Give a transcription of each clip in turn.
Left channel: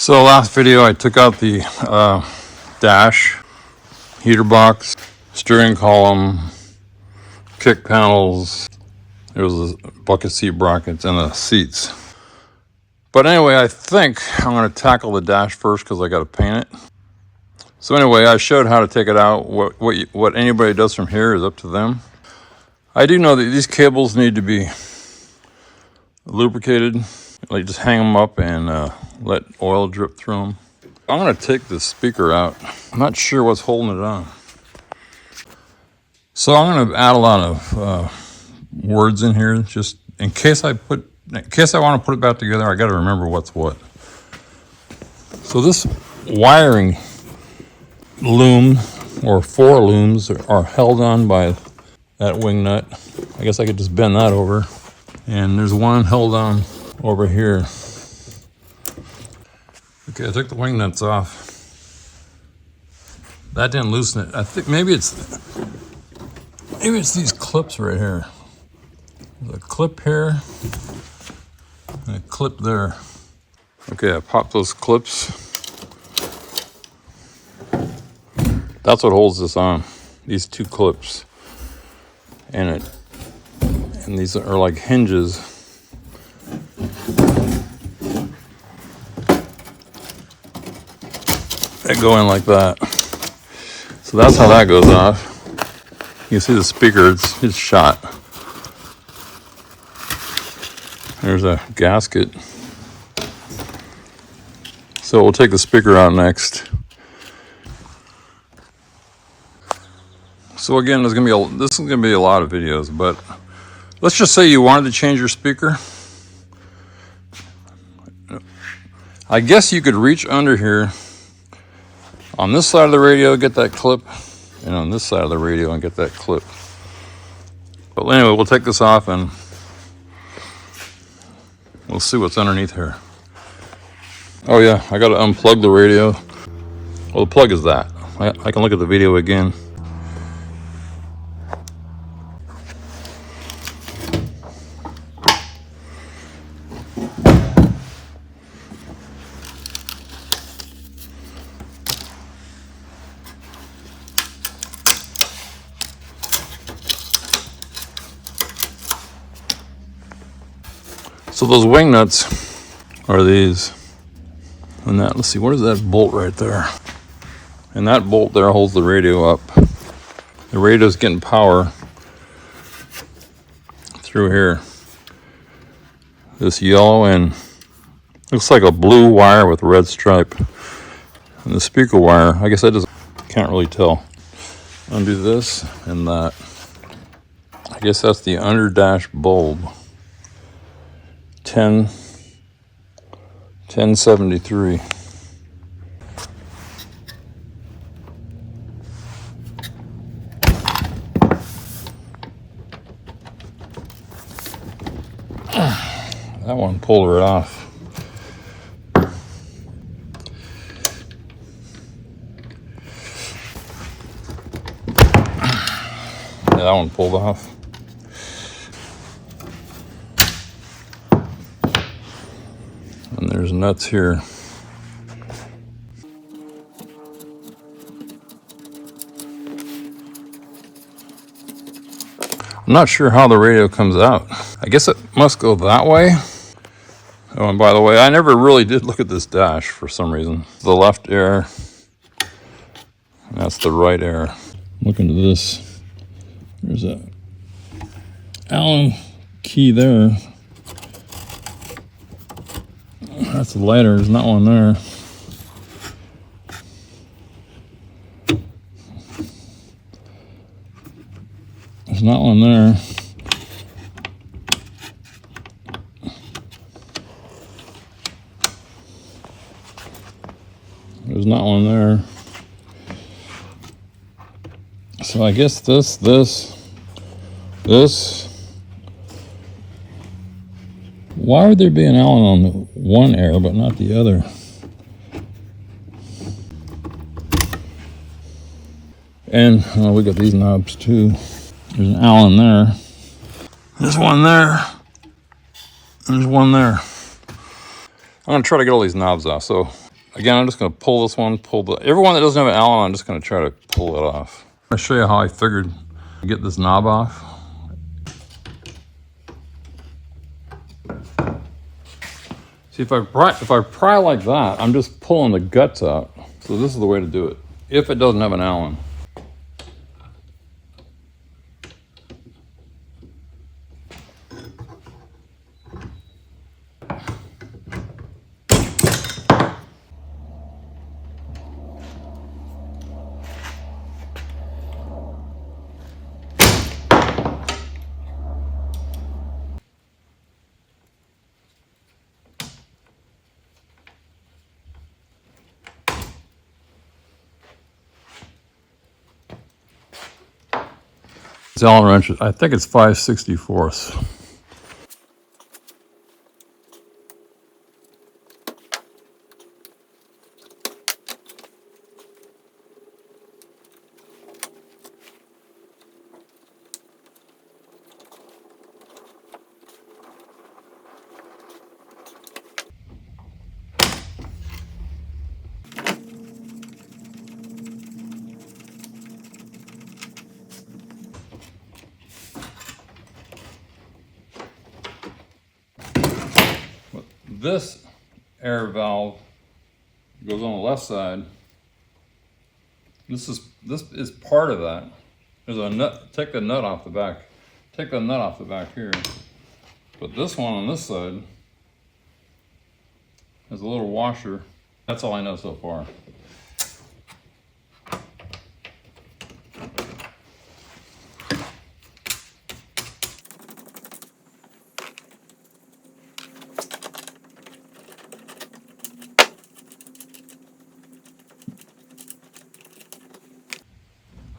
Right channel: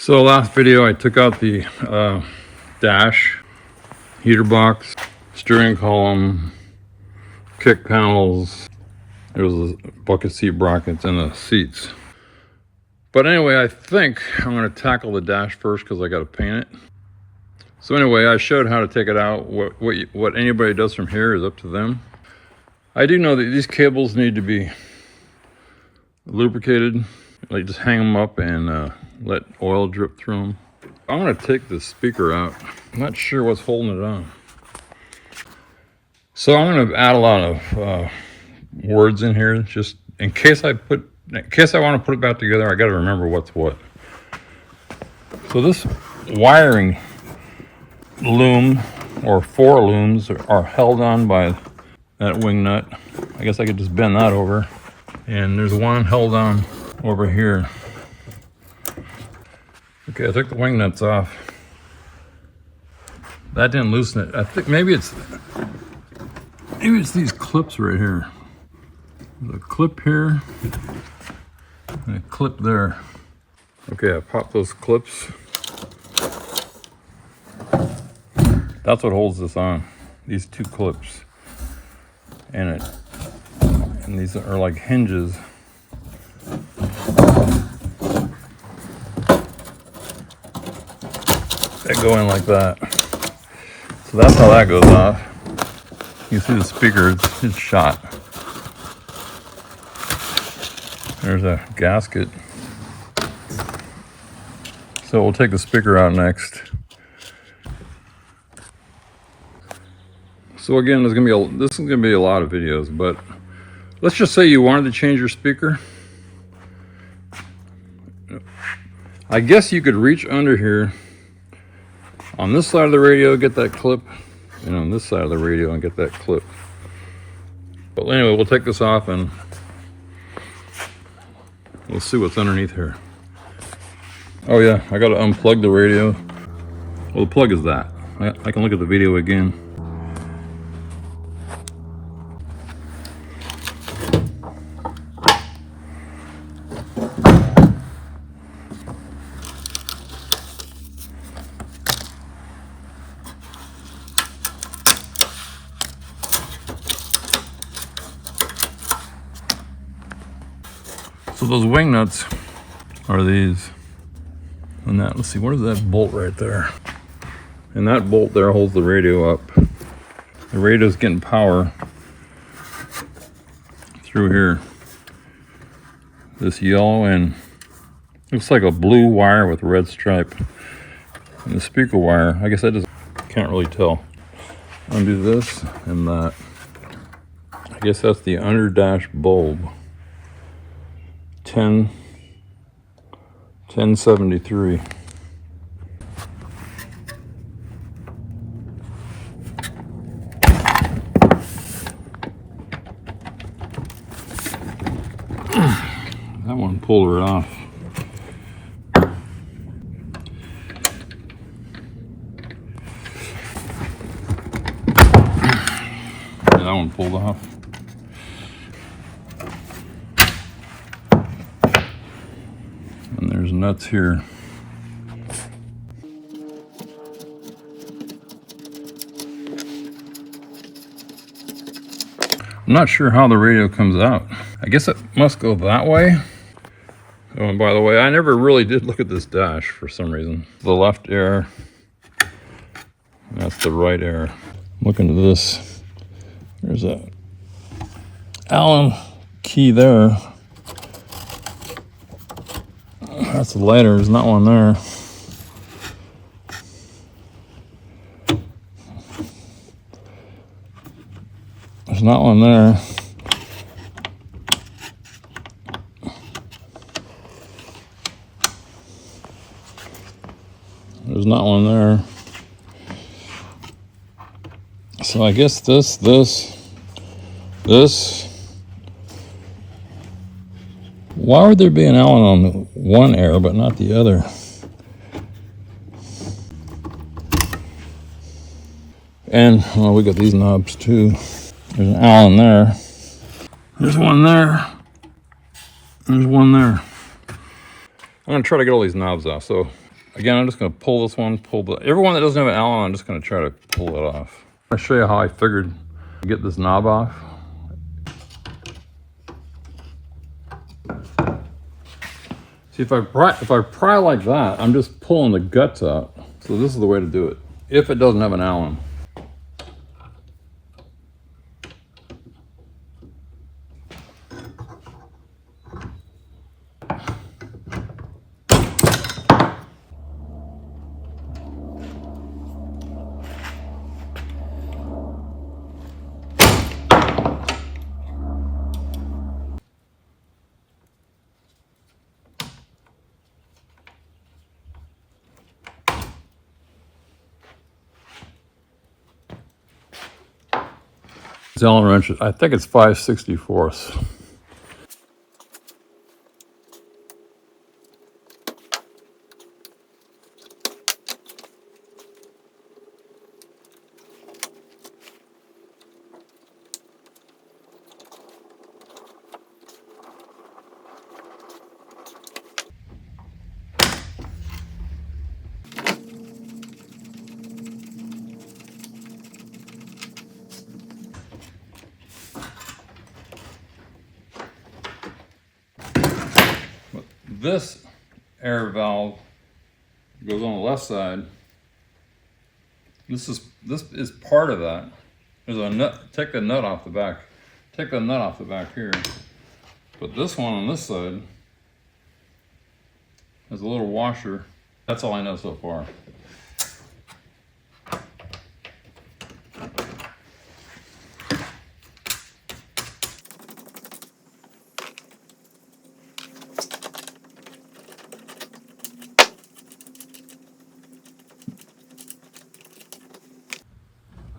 So last video I took out the dash, heater box, steering column, kick panels. There was a bucket seat brackets and the seats. But anyway, I think I'm going to tackle the dash first because I got to paint it. So anyway, I showed how to take it out. What anybody does from here is up to them. I do know that these cables need to be lubricated. Like just hang them up and let oil drip through them. I'm going to take the speaker out. I'm not sure what's holding it on. So I'm going to add a lot of words in here just in case I want to put it back together. I got to remember what's what. So this wiring loom or 4 looms are held on by that wing nut. I guess I could just bend that over. And there's one held on over here. Okay, I took the wing nuts off. That didn't loosen it. I think maybe it's these clips right here. The clip here and a clip there. Okay, I popped those clips. That's what holds this on. These 2 clips. And these are like hinges. That go in like that. So that's how that goes off. You can see the speaker, it's shot. There's a gasket. So we'll take the speaker out next. So again, this is gonna be a lot of videos, but let's just say you wanted to change your speaker. I guess you could reach under here on this side of the radio, get that clip, and on this side of the radio and get that clip. But anyway, we'll take this off and we'll see what's underneath here. Oh yeah, I gotta unplug the radio. Well, the plug is that. I can look at the video again. So those wing nuts are these. And that, let's see, what is that bolt right there? And that bolt there holds the radio up. The radio's getting power through here. This yellow and looks like a blue wire with a red stripe. And the speaker wire, I guess I just can't really tell. Undo this and that. I guess that's the under dash bulb. 1073. That one pulled right off. Yeah, that one pulled off. There's nuts here. I'm not sure how the radio comes out. I guess it must go that way. Oh, and by the way, I never really did look at this dash for some reason. The left air, and that's the right air. Look into this. There's a Allen key there. That's a lighter, there's not one there. There's not one there. There's not one there. So I guess this. Why would there be an Allen on the one air but not the other? And well, we got these knobs too. There's an Allen there. There's one there. There's one there. I'm gonna try to get all these knobs off. So Again, I'm just going to pull this one, everyone that doesn't have an Allen, I'm just going to try to pull it off. I'm going to show you how I figured to get this knob off. See, if I pry like that, I'm just pulling the guts out. So this is the way to do it, if it doesn't have an Allen. This Allen wrench, I think it's 5/64. This air valve goes on the left side. This is part of that. There's a nut. Take the nut off the back. Take the nut off the back here. But this one on this side has a little washer. That's all I know so far.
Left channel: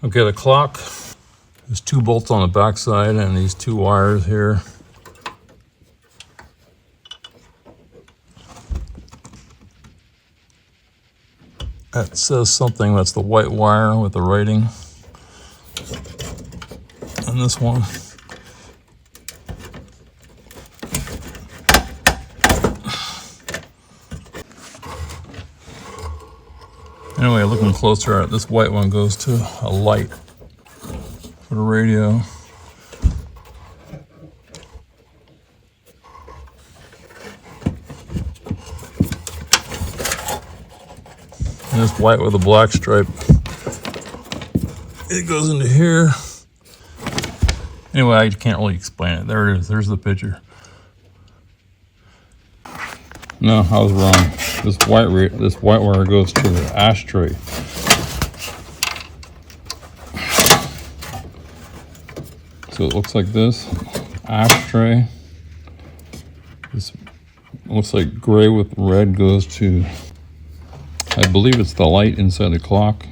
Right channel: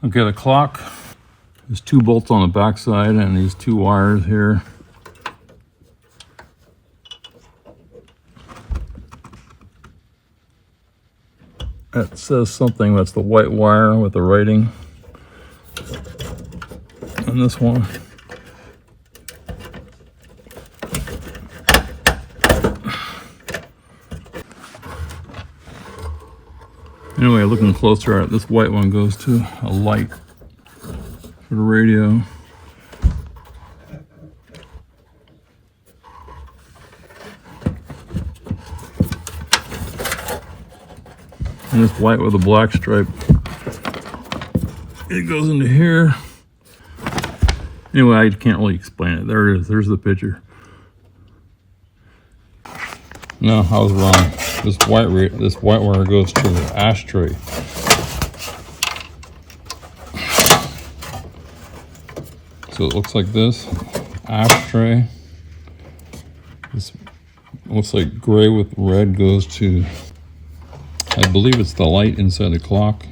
Okay, the clock, there's 2 bolts on the back side and these 2 wires here. That says something, that's the white wire with the writing. And this one. Anyway, looking closer, this white one goes to a light for the radio. And this white with a black stripe, it goes into here. Anyway, I can't really explain it. There it is, there's the picture. No, I was wrong. This white wire goes to the ashtray. So it looks like this ashtray. This looks like gray with red goes to, I believe it's the light inside the clock.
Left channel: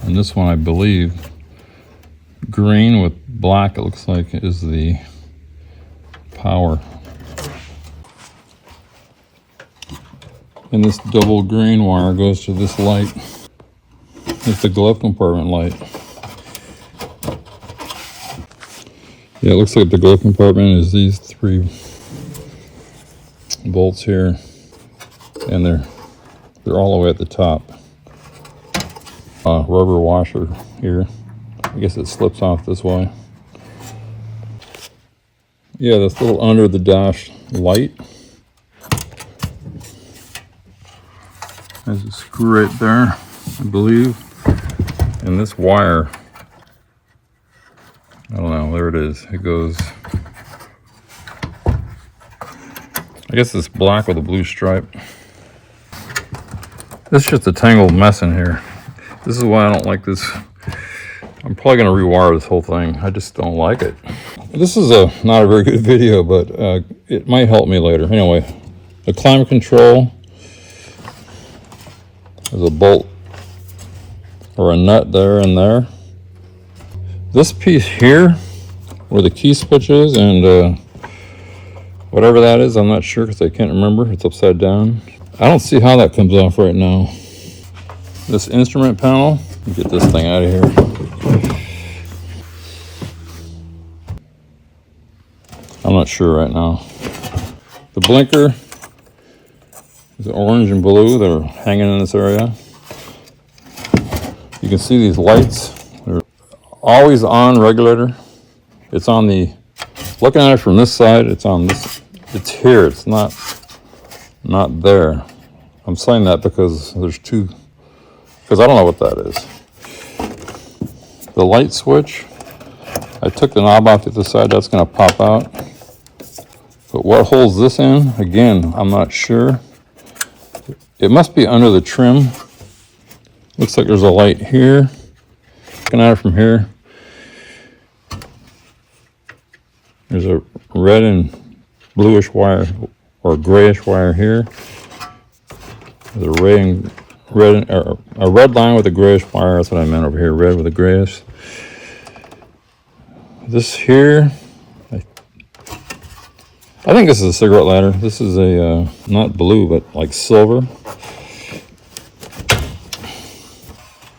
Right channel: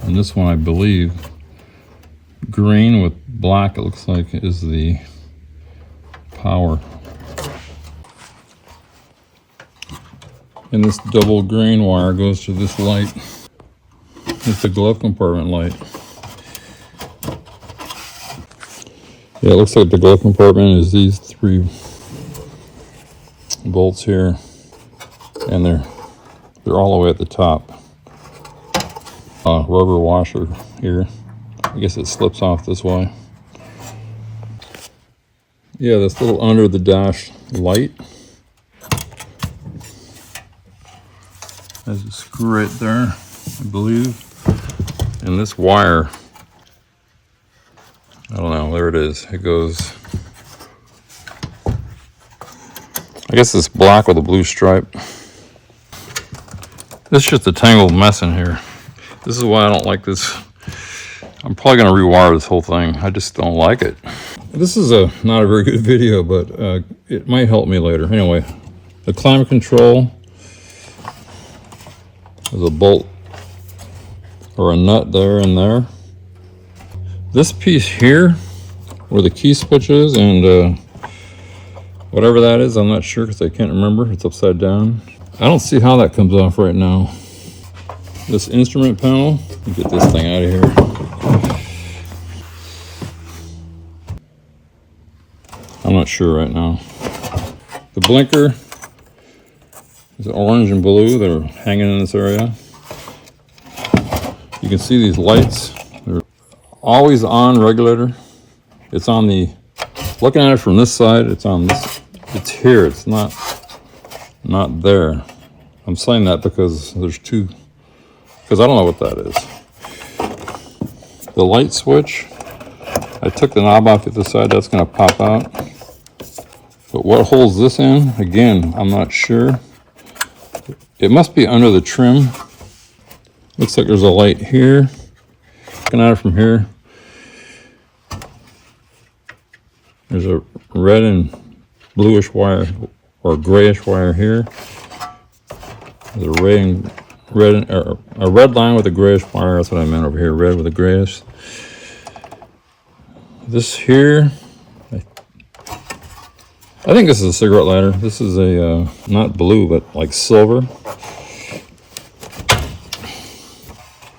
And this one, I believe, green with black, it looks like, is the power. And this double green wire goes to this light. It's the glove compartment light. Yeah, it looks like the glove compartment is these 3 bolts here. And they're all the way at the top. Rubber washer here. I guess it slips off this way. Yeah, this little under the dash light. There's a screw right there, I believe. And this wire, I don't know, there it is. It goes, I guess it's black with a blue stripe. This is just a tangled mess in here. This is why I don't like this. I'm probably gonna rewire this whole thing. I just don't like it. This is not a very good video, but it might help me later. Anyway, the climate control. There's a bolt or a nut there and there. This piece here, where the key switch is and whatever that is, I'm not sure because I can't remember. It's upside down. I don't see how that comes off right now. This instrument panel, get this thing out of here. I'm not sure right now. The blinker There's orange and blue that are hanging in this area. You can see these lights. They're always on regulator. It's on the, looking at it from this side, it's on this, it's here. It's not there. I'm saying that because there's two, because I don't know what that is. The light switch, I took the knob off to the side, that's going to pop out. But what holds this in, again, I'm not sure. It must be under the trim. Looks like there's a light here. Looking at it from here, there's a red and bluish wire or grayish wire here. There's a red line with a grayish wire. That's what I meant over here, red with a grayish. This here, I think this is a cigarette lighter. This is a, not blue, but like silver.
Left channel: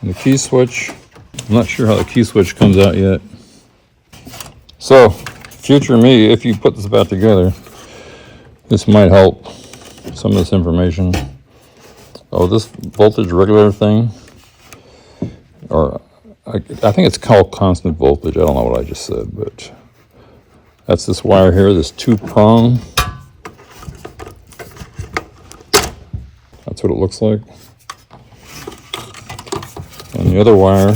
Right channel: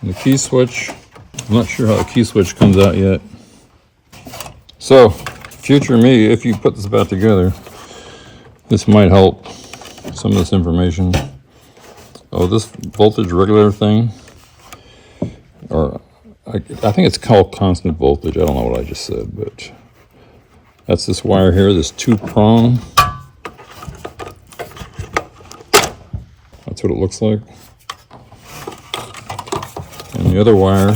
And the key switch, I'm not sure how the key switch comes out yet. So, future me, if you put this back together, this might help some of this information. Oh, this voltage regulator thing, or I think it's called constant voltage. I don't know what I just said, but that's this wire here, this 2-prong. That's what it looks like. And the other wire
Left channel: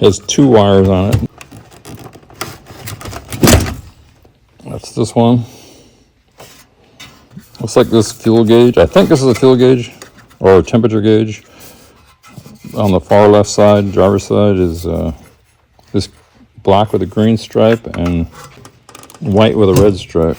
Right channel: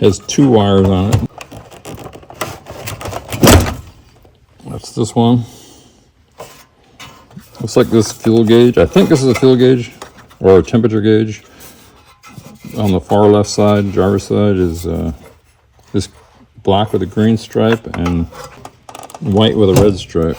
has 2 wires on it. That's this one. Looks like this fuel gauge. I think this is a fuel gauge or a temperature gauge. On the far left side, driver's side, is this black with a green stripe and white with a red stripe.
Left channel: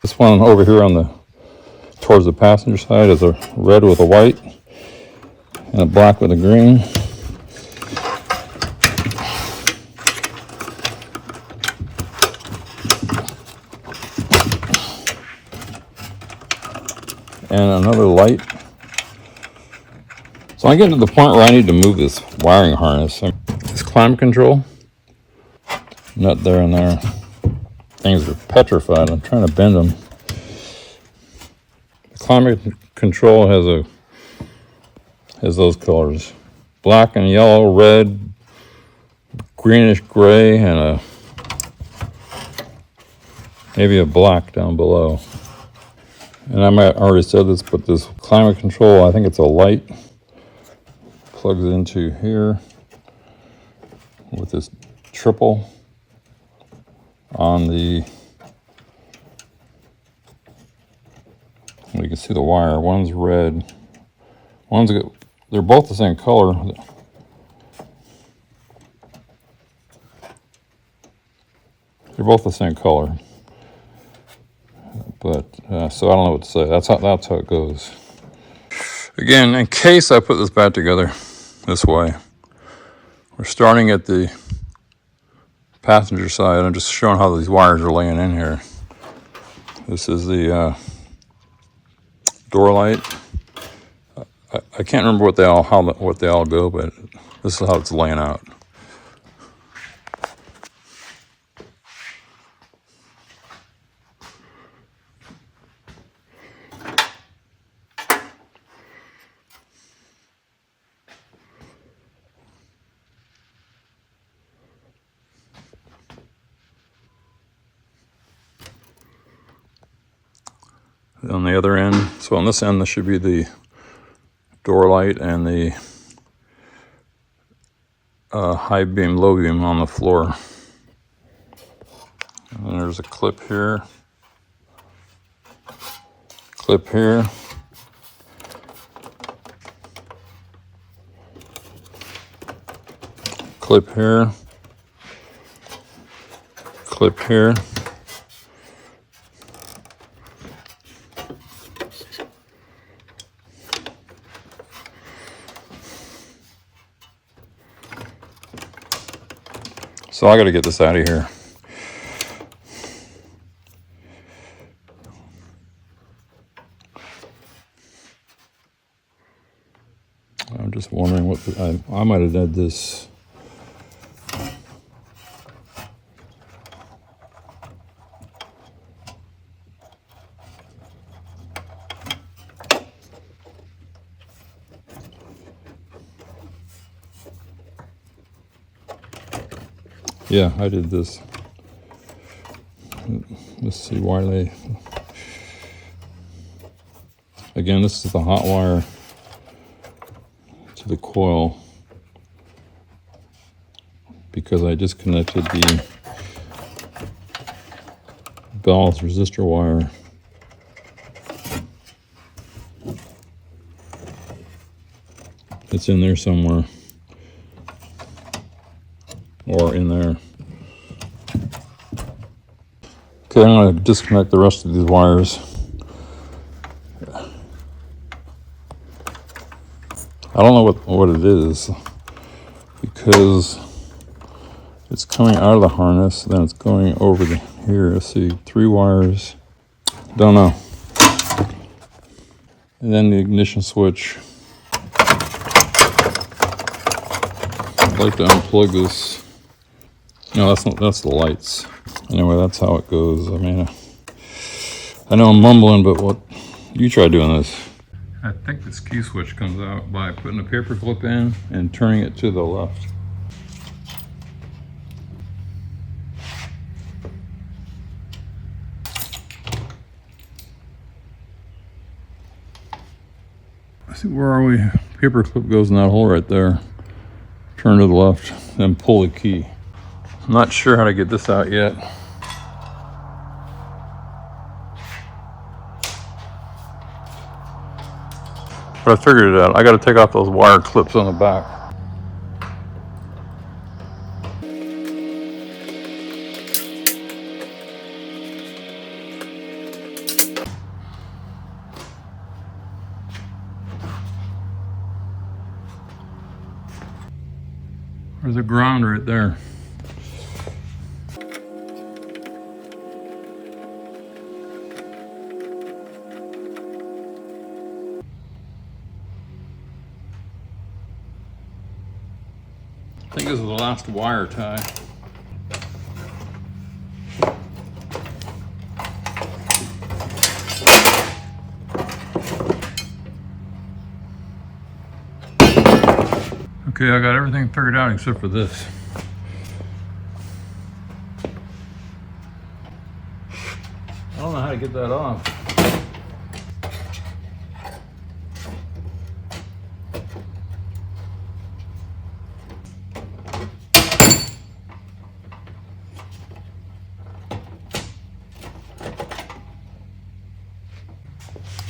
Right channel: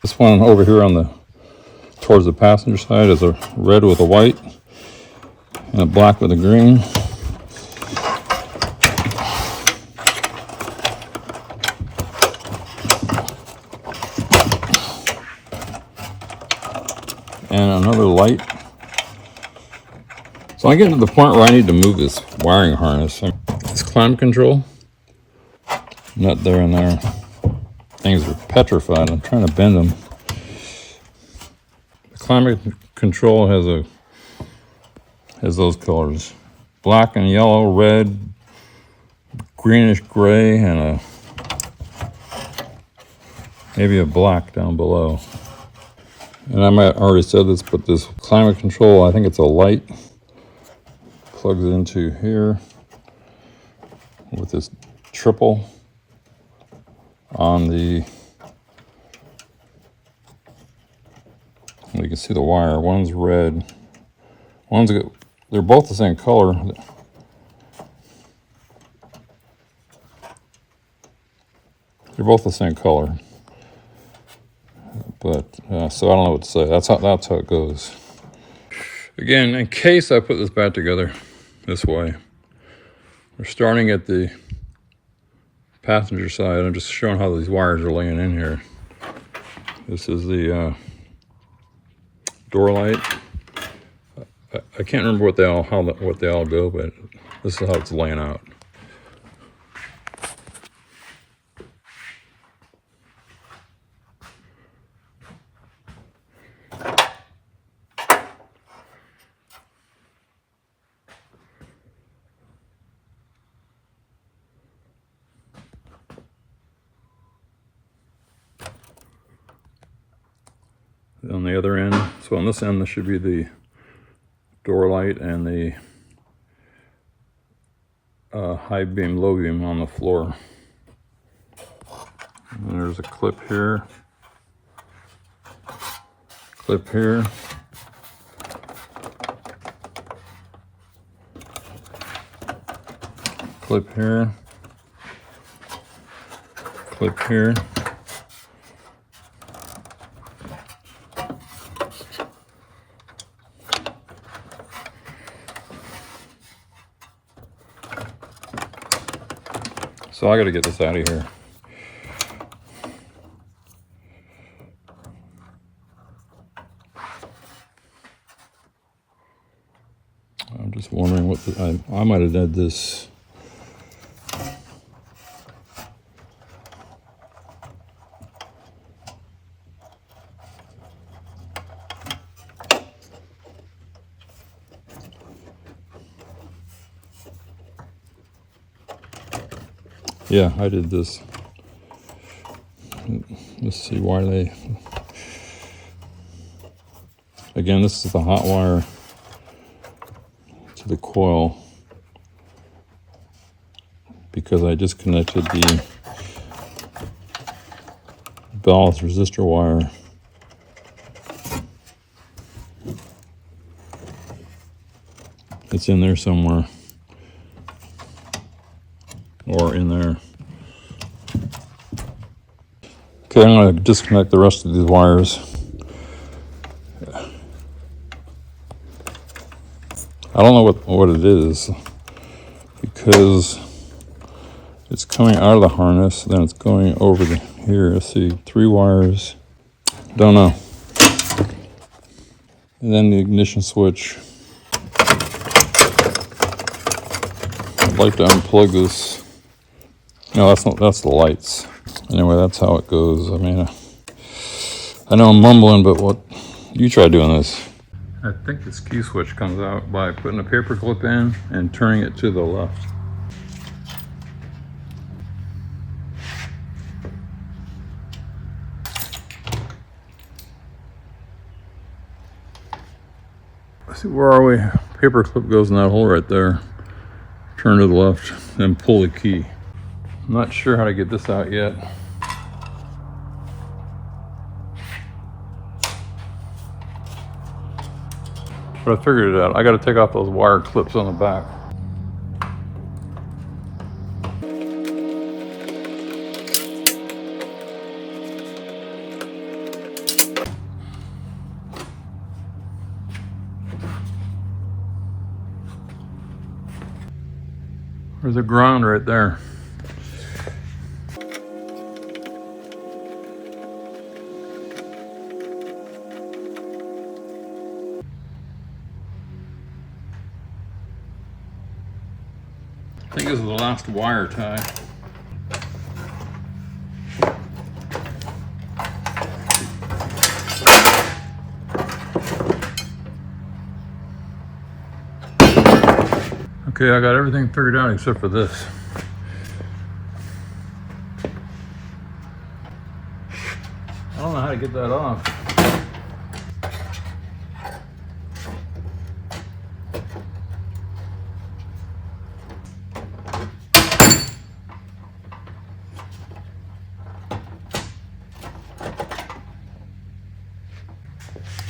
This one over here on the towards the passenger side is a red with a white and a black with a green. And another light. So I'm getting to the point where I need to move this wiring harness. This climate control, nut there and there. Things are petrified. I'm trying to bend them. The climate control has those colors: black and yellow, red, greenish gray, and maybe a black down below. And I might already said this, but this climate control, I think it's a light, plugs into here with this triple on the, you can see the wire. One's red, they're both the same color. They're both the same color. But, so I don't know what to say. That's how it goes. Again, in case I put this back together this way, we're starting at the passenger side. I'm just showing how these wires are laying in here. This is the door light. I can't remember what they all go, but this is how it's laying out. On the other end, so on this end, this should be the door light and the high beam, low beam on the floor. And there's a clip here, clip here, clip here, clip here. So I got to get this out of here. I'm just wondering what I might have did this. Yeah, I did this. Let's see why they... Again, this is the hot wire to the coil, because I disconnected the ballast resistor wire. It's in there somewhere, or in there. Okay, I'm going to disconnect the rest of these wires. I don't know what it is, because it's coming out of the harness, then it's going over the here. Let's see, 3 wires. Don't know. And then the ignition switch. I'd like to unplug this. No, that's not. That's the lights. Anyway, that's how it goes. I mean, I know I'm mumbling, but what? You try doing this. I think this key switch comes out by putting a paper clip in and turning it to the left. Let's see, where are we? Paper clip goes in that hole right there. Turn to the left, then pull the key. I'm not sure how to get this out yet. But I figured it out. I got to take off those wire clips on the back. There's a ground right there. I think this is the last wire tie. Okay, I got everything figured out except for this. I don't know how to get that off.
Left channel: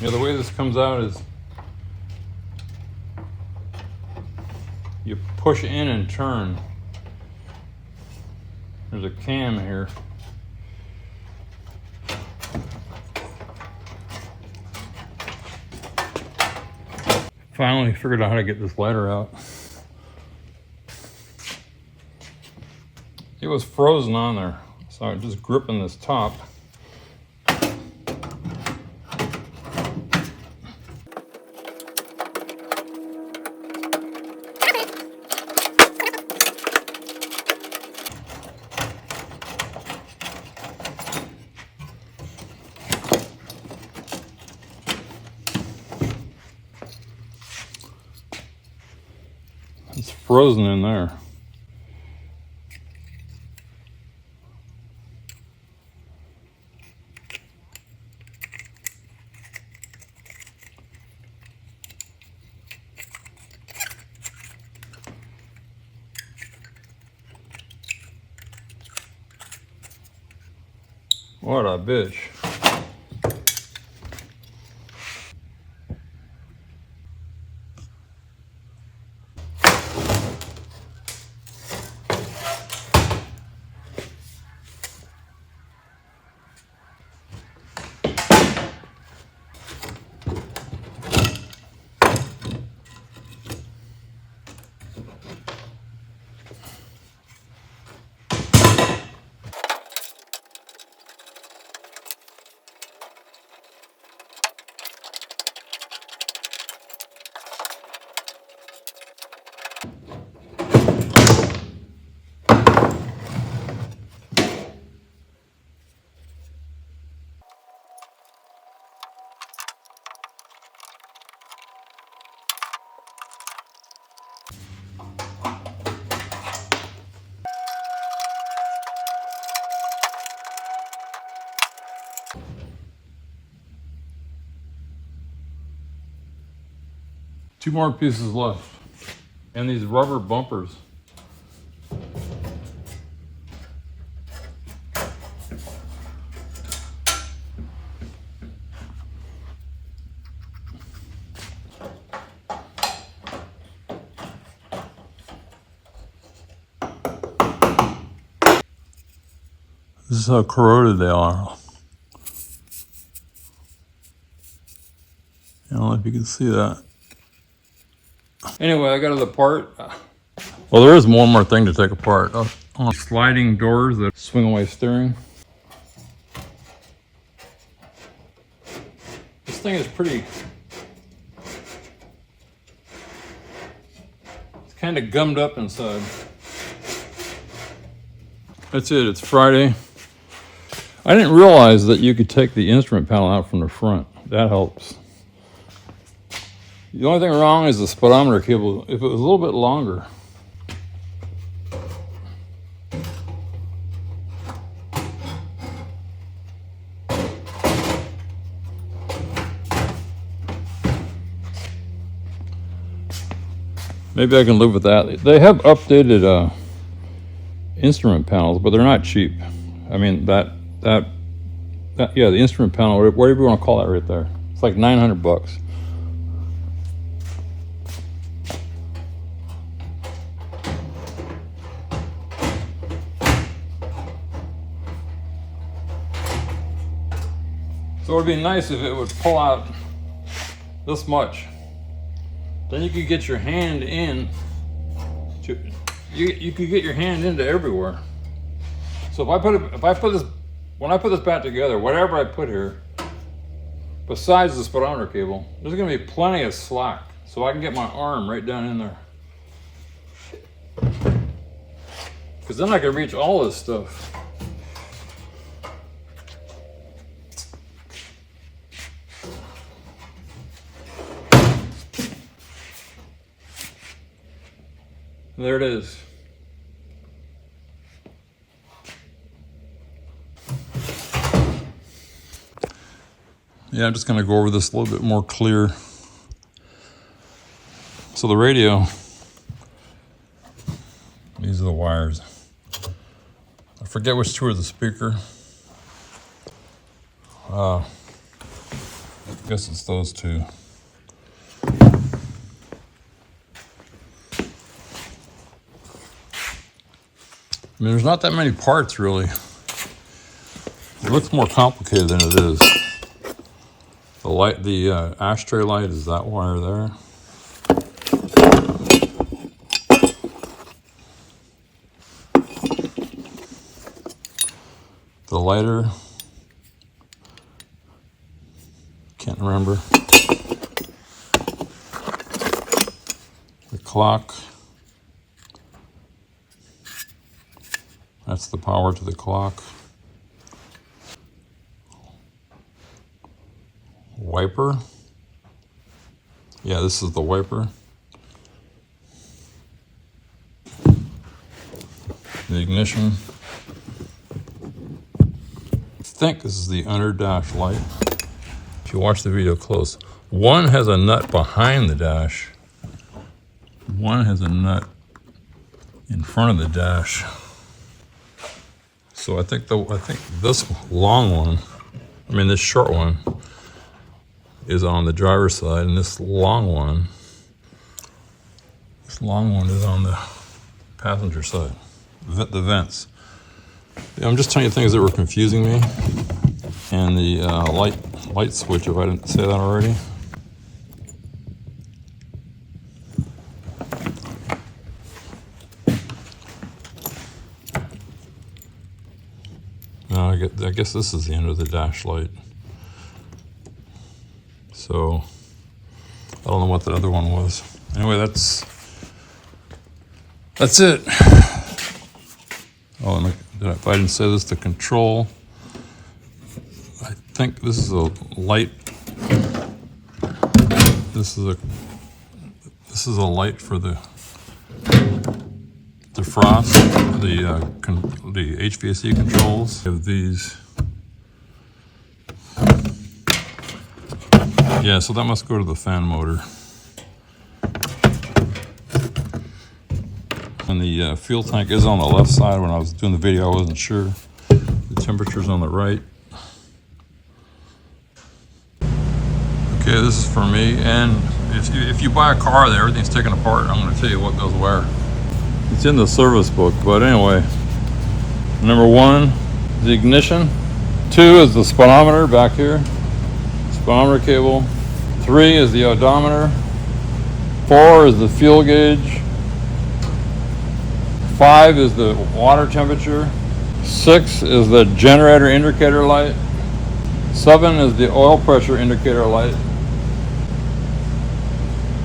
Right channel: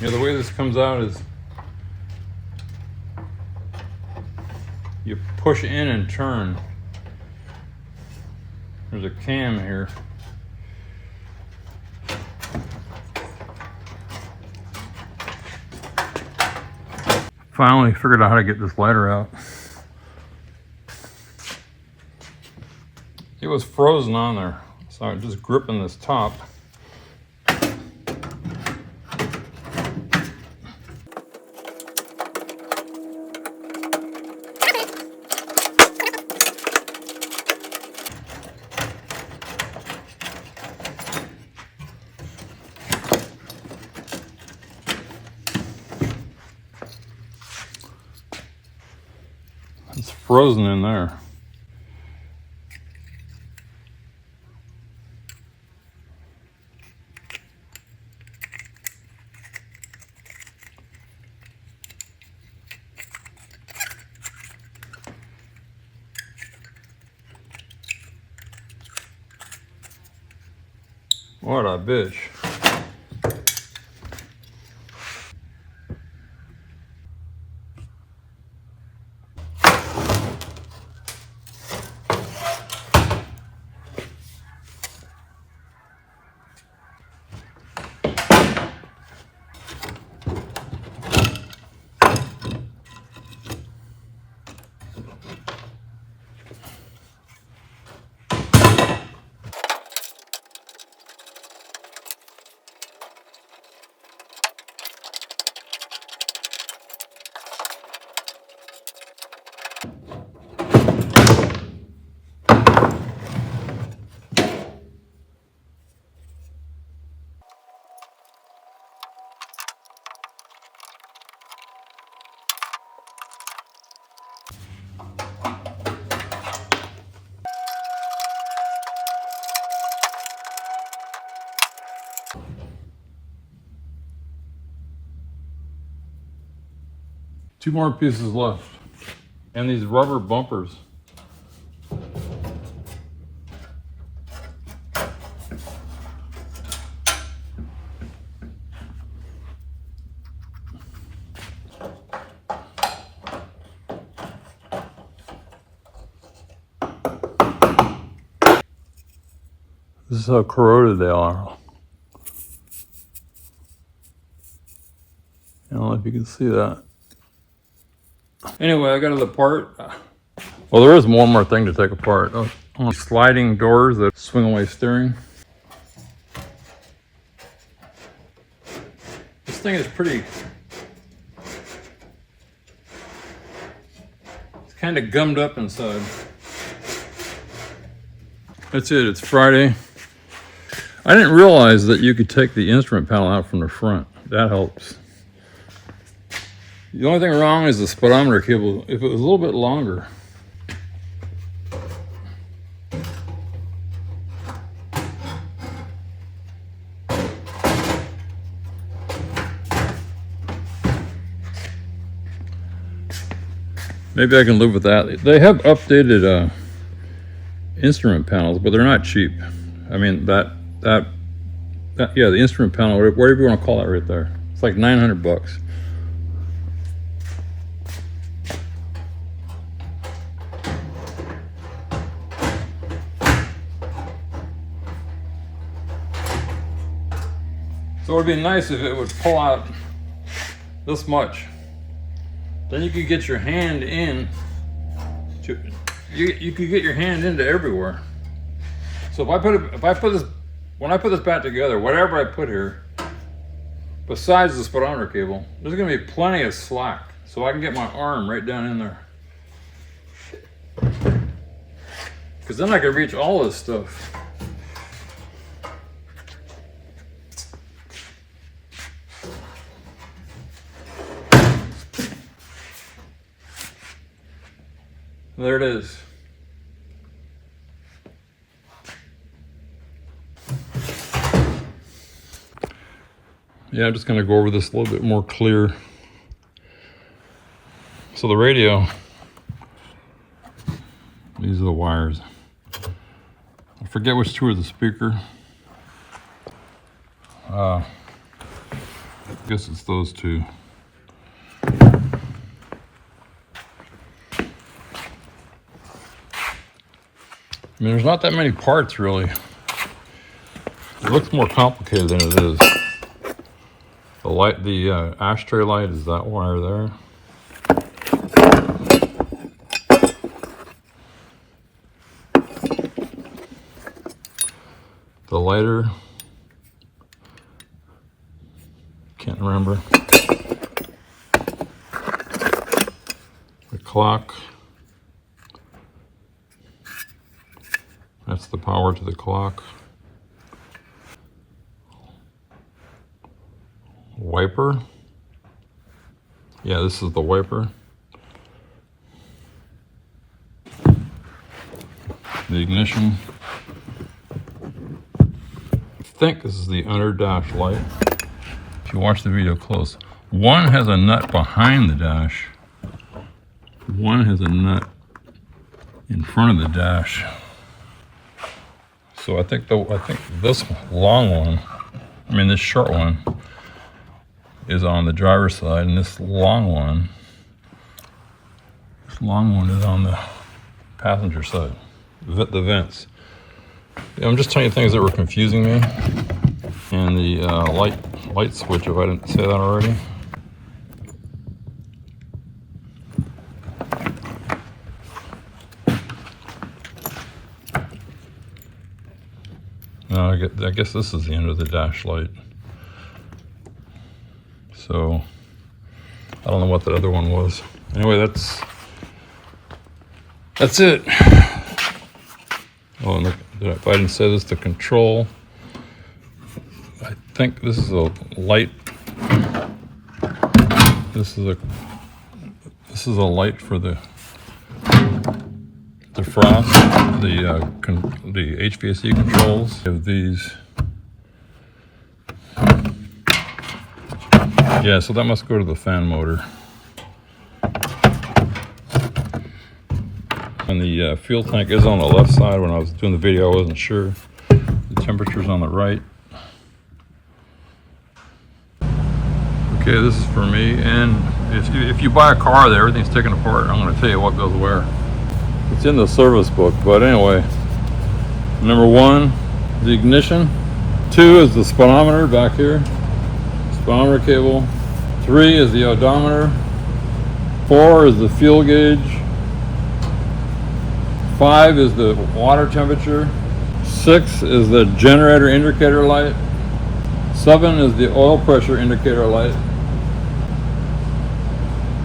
Yeah, the way this comes out is you push in and turn. There's a cam here. Finally figured out how to get this lighter out. It was frozen on there, so I'm just gripping this top. It's frozen in there. What a bitch. Two more pieces left. And these rubber bumpers. This is how corroded they are. I don't know if you can see that. Anyway, I got it apart. Well, there is one more thing to take apart. Sliding doors that swing away steering. This thing is pretty... It's kind of gummed up inside. That's it, it's Friday. I didn't realize that you could take the instrument panel out from the front. That helps. The only thing wrong is the speedometer cable. If it was a little bit longer. Maybe I can live with that. They have updated instrument panels, but they're not cheap. I mean, yeah, the instrument panel, whatever you want to call that right there. It's like $900. So it would be nice if it would pull out this much. Then you could get your hand in. You could get your hand into everywhere. So when I put this back together, whatever I put here, besides the speedometer cable, there's gonna be plenty of slack, so I can get my arm right down in there. Because then I can reach all this stuff. There it is. Yeah, I'm just going to go over this a little bit more clear. So the radio, these are the wires. I forget which two are the speaker. I guess it's those two. I mean, there's not that many parts, really. It looks more complicated than it is. The light, the ashtray light is that wire there. The lighter, can't remember. The clock. That's the power to the clock. Wiper. Yeah, this is the wiper. The ignition. I think this is the under dash light. If you watch the video close, one has a nut behind the dash. One has a nut in front of the dash. So I think this long one, I mean this short one, is on the driver's side, and this long one is on the passenger side, the vents. Yeah, I'm just telling you things that were confusing me, and the light switch, if I didn't say that already. No, I guess this is the end of the dash light. So I don't know what the other one was. Anyway, That's it. Oh, look, if I didn't say this, the control. I think this is a light. This is a light for the defrost, the HVAC controls. We have these. Yeah, so that must go to the fan motor. And the fuel tank is on the left side. When I was doing the video, I wasn't sure. The temperature's on the right. Okay, this is for me. And if you buy a car that everything's taken apart, I'm going to tell you what goes where. It's in the service book, but anyway. Number 1, the ignition. 2 is the speedometer back here. Speedometer cable. 3 is the odometer. 4 is the fuel gauge. 5 is the water temperature. 6 is the generator indicator light. 7 is the oil pressure indicator light.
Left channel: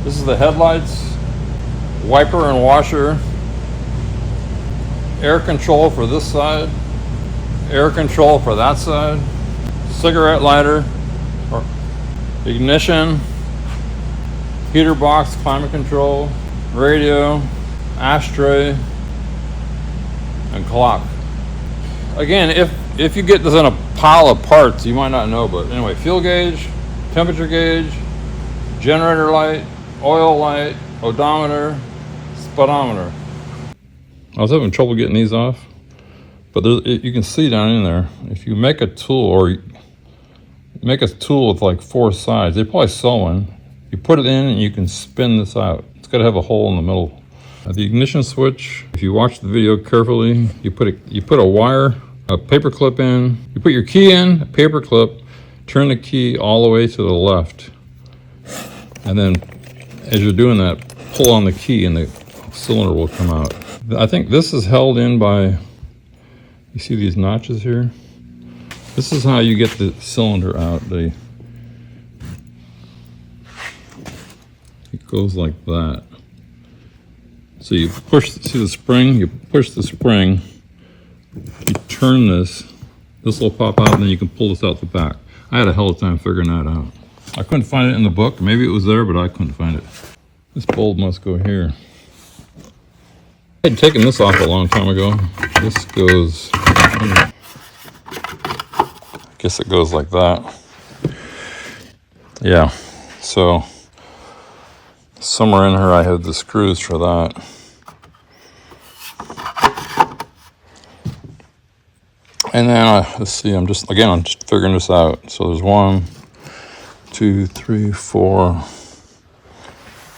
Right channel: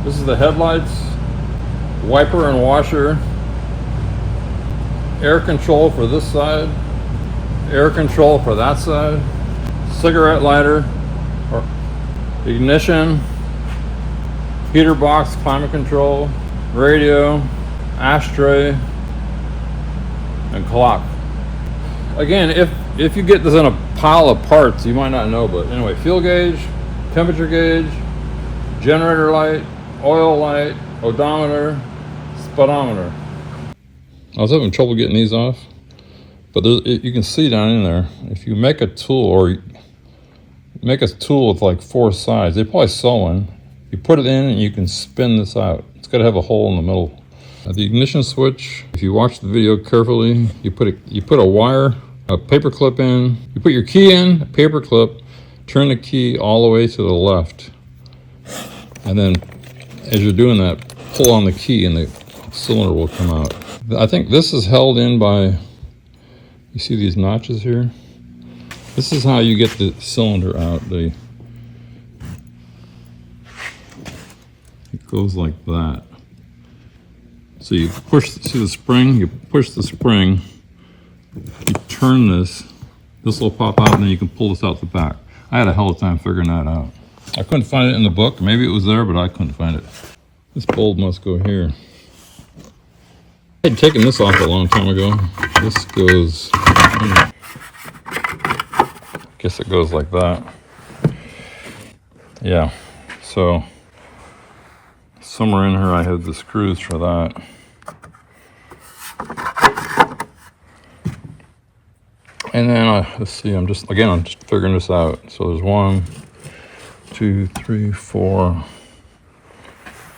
This is the headlights, wiper and washer, air control for this side, air control for that side, cigarette lighter, or ignition, heater box, climate control, radio, ashtray, and clock. Again, if you get this in a pile of parts, you might not know, but anyway, fuel gauge, temperature gauge, generator light, oil light, odometer, speedometer. I was having trouble getting these off, but you can see down in there, if you make a tool, or you make a tool with like 4 sides, they probably sell one. You put it in and you can spin this out. It's got to have a hole in the middle. The ignition switch, if you watch the video carefully, you put a wire, a paper clip in, you put your key in, a paper clip, turn the key all the way to the left. And then as you're doing that, pull on the key and the cylinder will come out. I think this is held in by, you see these notches here? This is how you get the cylinder out. It goes like that. So you push, see the spring? You push the spring, you turn this will pop out, and then you can pull this out the back. I had a hell of a time figuring that out. I couldn't find it in the book. Maybe it was there, but I couldn't find it. This bulb must go here. I had taken this off a long time ago. This goes, I guess it goes like that. Yeah, so somewhere in here I had the screws for that. And then let's see, I'm just figuring this out. So there's 1, 2, 3, 4,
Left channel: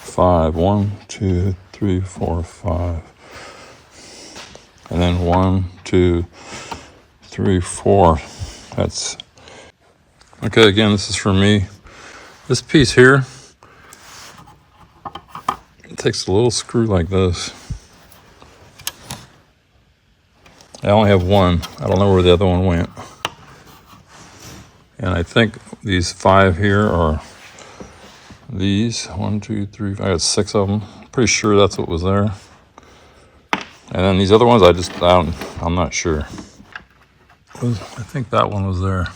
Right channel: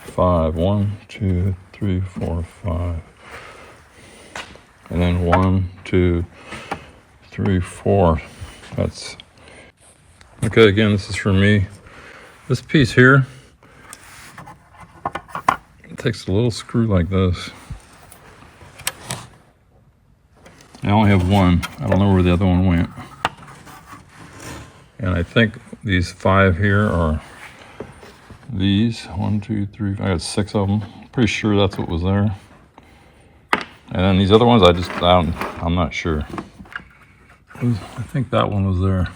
5. 1, 2, 3, 4, 5. And then 1, 2, 3, 4. That's okay. Again, this is for me. This piece here, it takes a little screw like this. I only have one. I don't know where the other one went. And I think these 5 here are these. 1, 2, 3, I got 6 of them. Pretty sure that's what was there. And then these other ones, I'm not sure. I think that one was there.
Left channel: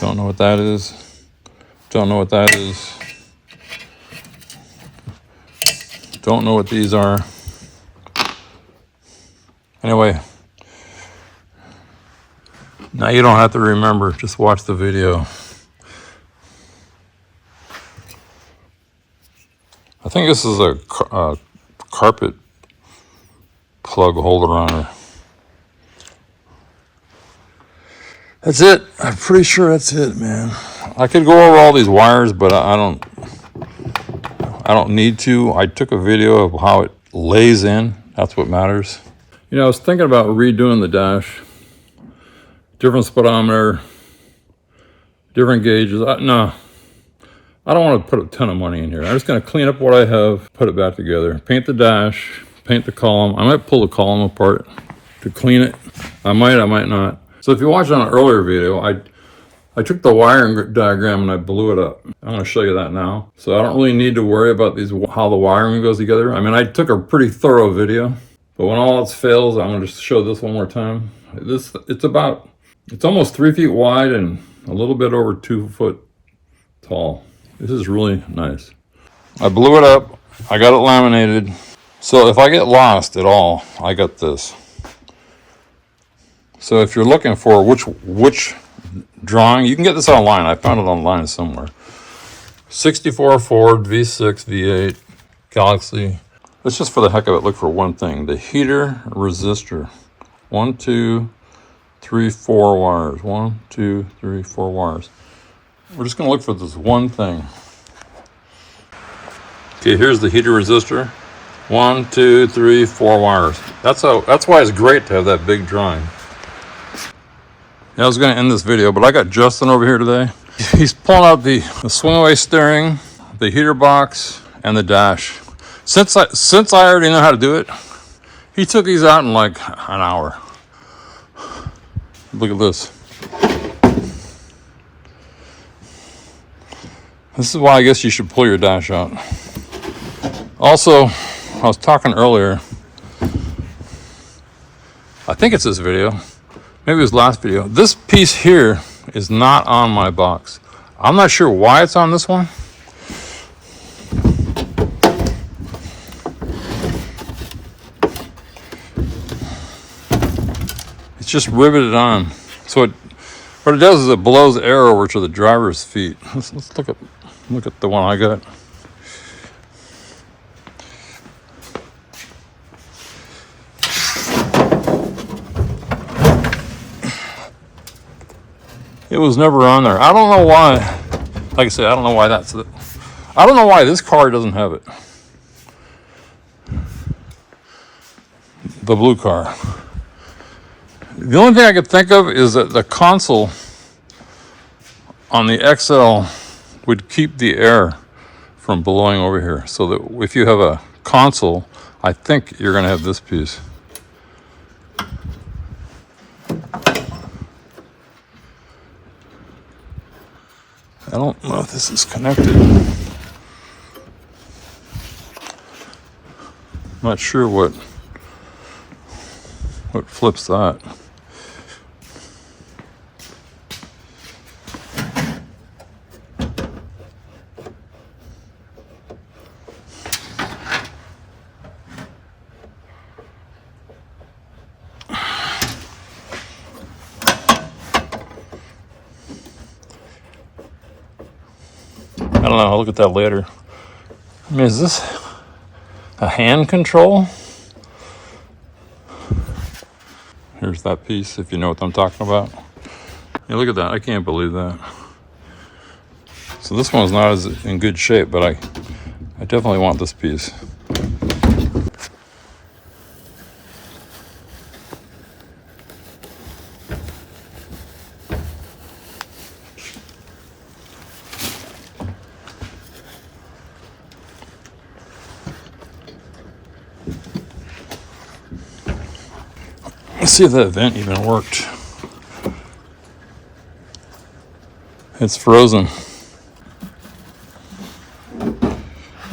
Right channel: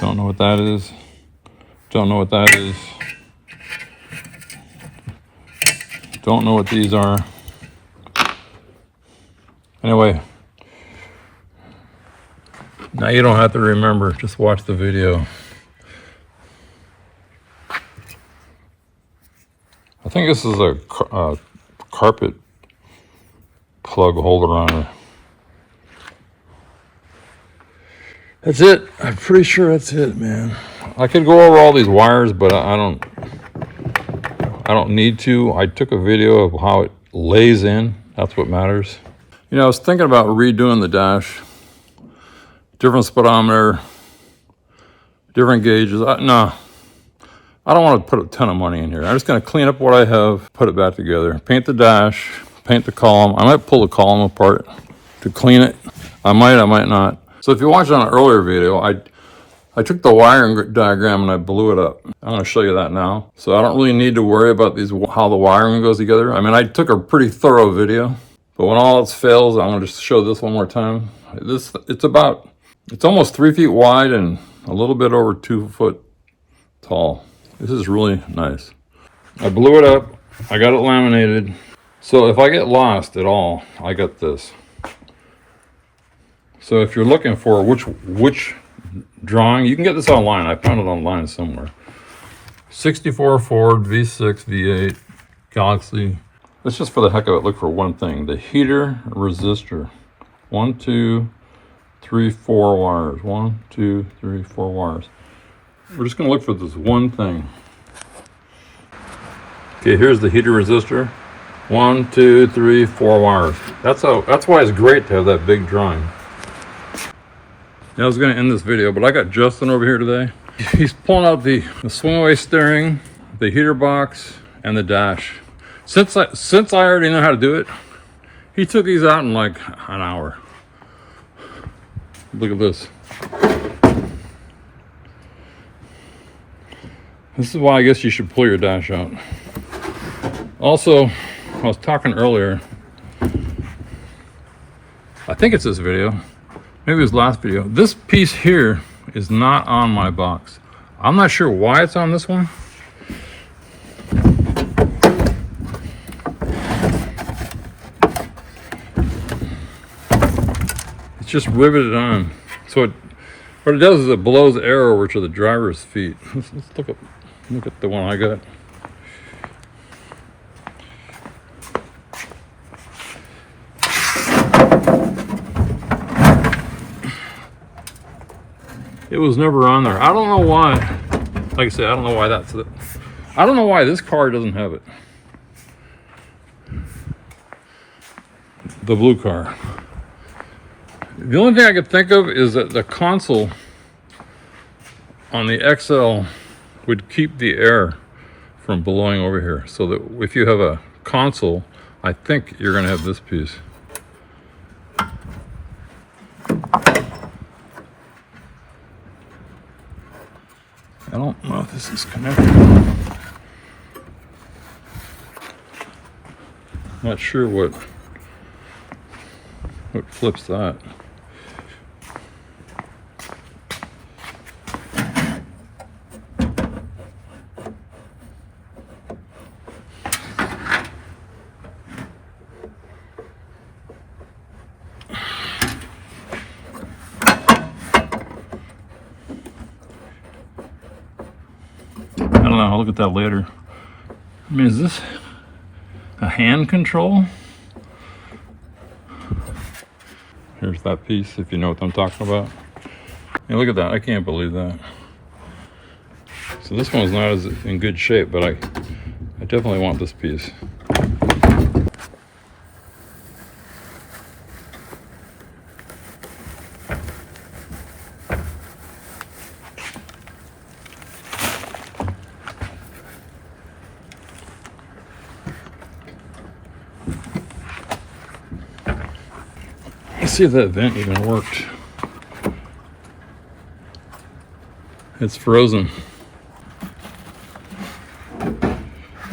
Don't know what that is. Don't know what that is. Don't know what these are. Anyway, now you don't have to remember, just watch the video. I think this is a carpet plug holder on her. That's it. I'm pretty sure that's it, man. I could go over all these wires, but I don't need to. I took a video of how it lays in. That's what matters. You know, I was thinking about redoing the dash. Different speedometer, different gauges. No, I don't want to put a ton of money in here. I'm just going to clean up what I have, put it back together. Paint the dash, paint the column. I might pull the column apart to clean it. I might not. So if you watched on an earlier video, I I took the wiring diagram and I blew it up. I'm going to show you that now. So I don't really need to worry about these, how the wiring goes together. I mean, I took a pretty thorough video, but when all else fails, I'm going to just show this one more time. It's almost 3 feet wide and a little bit over 2 foot tall. This is really nice. I blew it up. I got it laminated. So if I get lost at all, I got this. So if you're looking for which drawing, you can get this online. I found it online somewhere. 64 Ford V6 V8 Galaxie. Let's just for the heck of it look for one thing. The heater resistor. 1, 2, 3, 4 wires. 1, 2, 3, 4 wires. We're just going to look for this one thing. Okay, here's the heater resistor. 1, 2, 3, 4 wires. That's why it's great to have that big drawing. Yeah, I was going to end this video, but I got Justin over here today. He's pulling out the swing away steering, the heater box, and the dash. Since I already know how to do it, he took these out in like an hour. Look at this. This is why I guess you should pull your dash out. Also, I was talking earlier, I think it's this video, maybe it was last video. This piece here is not on my box. I'm not sure why it's on this one. It's just riveted on. So what it does is it blows air over to the driver's feet. Let's look at the one I got. It was never on there. I don't know why. Like I said, I don't know why that's it. I don't know why this car doesn't have it. The blue car. The only thing I could think of is that the console on the XL would keep the air from blowing over here. So that if you have a console, I think you're going to have this piece. I don't know if this is connected. I'm not sure what flips that. I don't know, I'll look at that later. I mean, is this a hand control? Here's that piece, if you know what I'm talking about. Hey, look at that, I can't believe that. So this one's not as in good shape, but I definitely want this piece. Let's see if that vent even worked. It's frozen.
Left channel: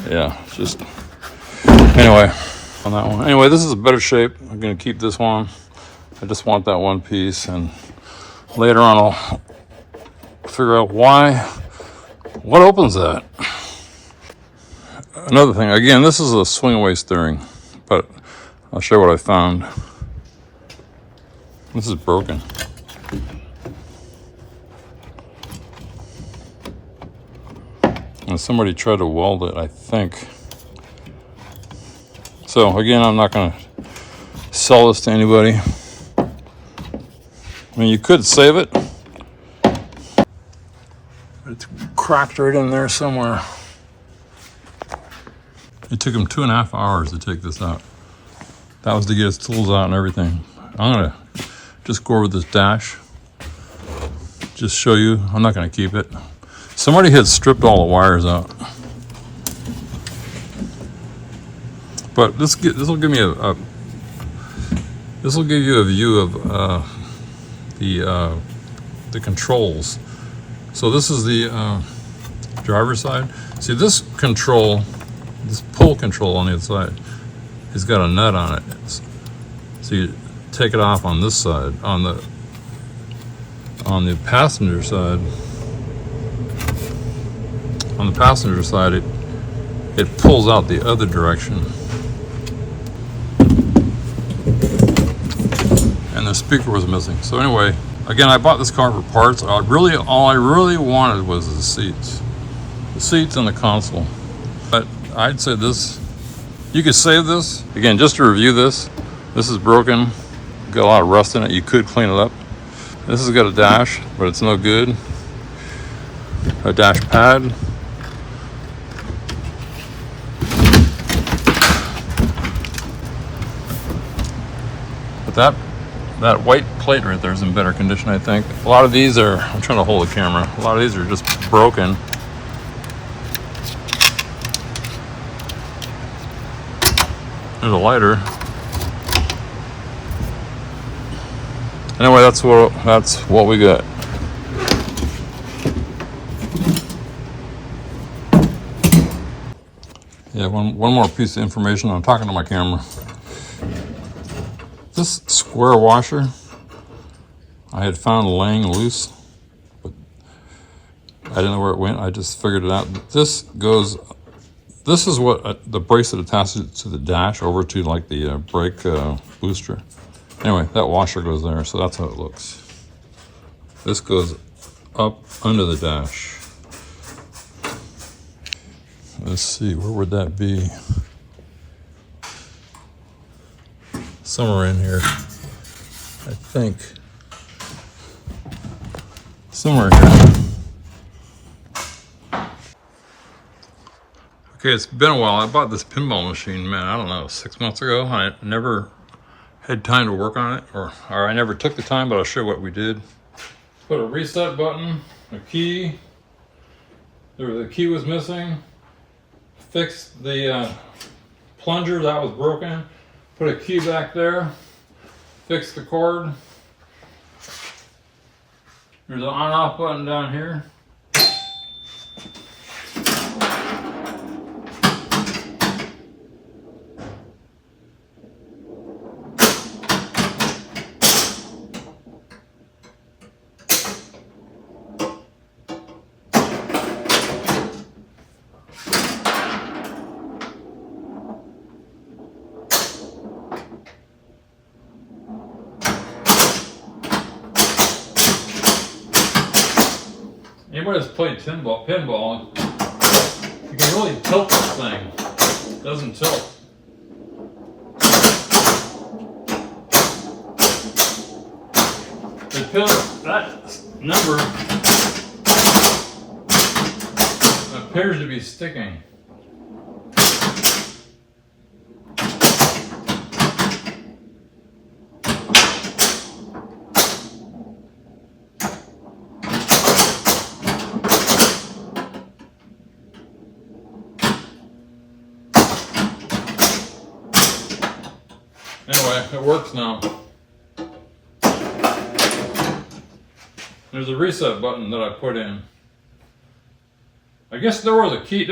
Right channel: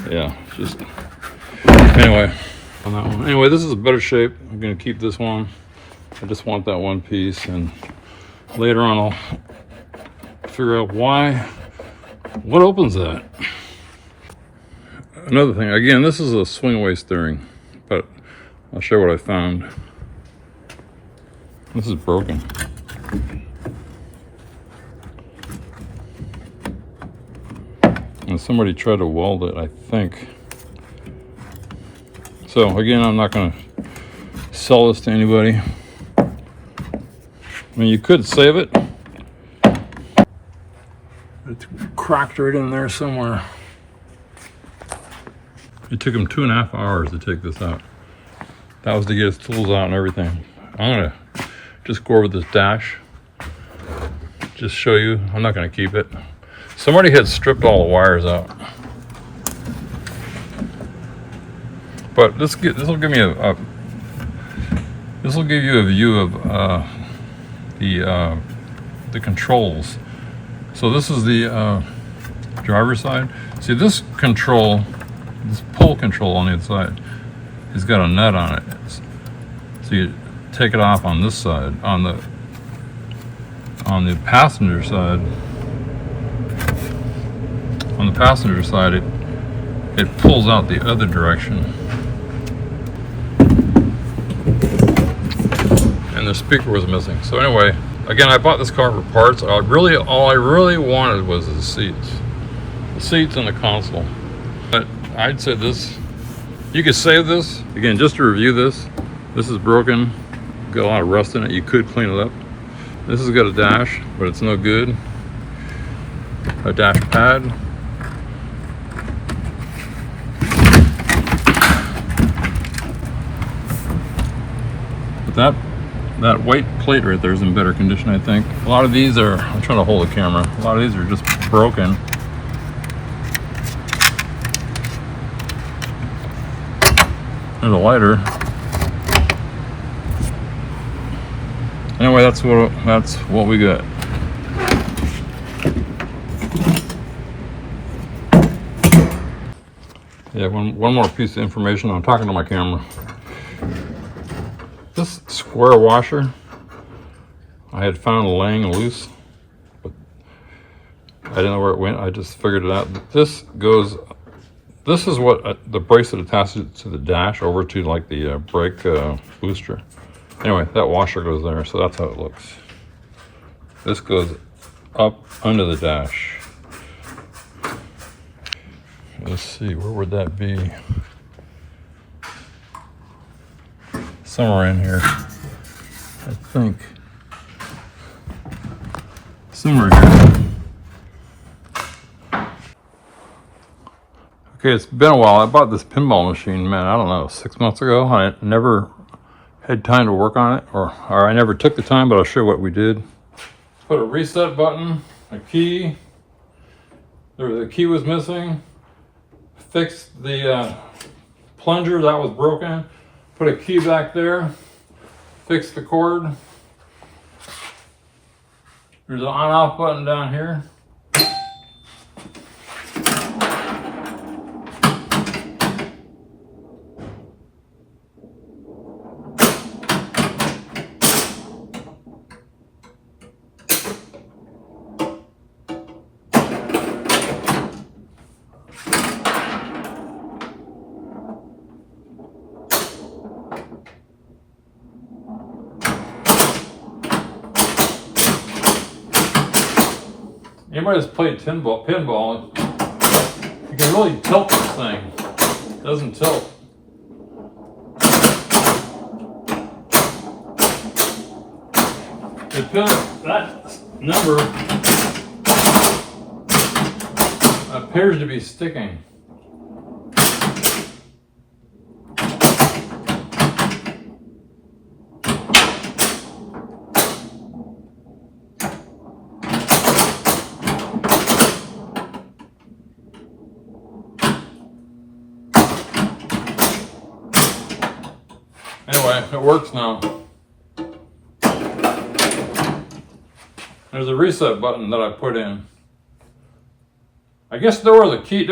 Yeah, it's just, anyway, on that one. Anyway, this is a better shape. I'm gonna keep this one. I just want that one piece, and later on I'll figure out what opens that. Another thing, again, this is a swing away steering, but I'll show you what I found. This is broken. And somebody tried to weld it, I think. So again, I'm not gonna sell this to anybody. I mean, you could save it. It's cracked right in there somewhere. It took him 2.5 hours to take this out. That was to get his tools out and everything. I'm gonna just go over this dash. Just show you, I'm not gonna keep it. Somebody had stripped all the wires out. But this will give me this will give you a view of the controls. So this is the driver's side. See this control, this pull control on the inside, it's got a nut on it. So you take it off on this side. On the passenger side, it pulls out the other direction. And the speaker was missing. So anyway, again, I bought this car for parts. All I really wanted was the seats. The seats and the console. But I'd say this, you could save this. Again, just to review this is broken. Got a lot of rust in it. You could clean it up. This has got a dash, but it's no good. A dash pad. But that white plate right there is in better condition, I think. A lot of these are, I'm trying to hold the camera. A lot of these are just broken. There's a lighter. Anyway, that's what we got. Yeah, one more piece of information. I'm talking to my camera. This square washer I had found laying loose, but I didn't know where it went. I just figured it out. This is what the bracelet attaches to the dash over to, like the brake booster. Anyway, that washer goes there, so that's how it looks. This goes up under the dash. Let's see, where would that be? Somewhere in here, I think. Somewhere here. Okay, it's been a while. I bought this pinball machine, man, I don't know, 6 months ago. I never had time to work on it, or I never took the time, but I'll show you what we did. Put a reset button, a key. The key was missing. Fixed the plunger that was broken. Put a key back there. Fixed the cord. There's an on-off button down here. Anybody that's played pinball, you can really tilt this thing. It doesn't tilt. That number appears to be sticking. Anyway, it works now. There's a reset button that I put in. I guess there was a key, I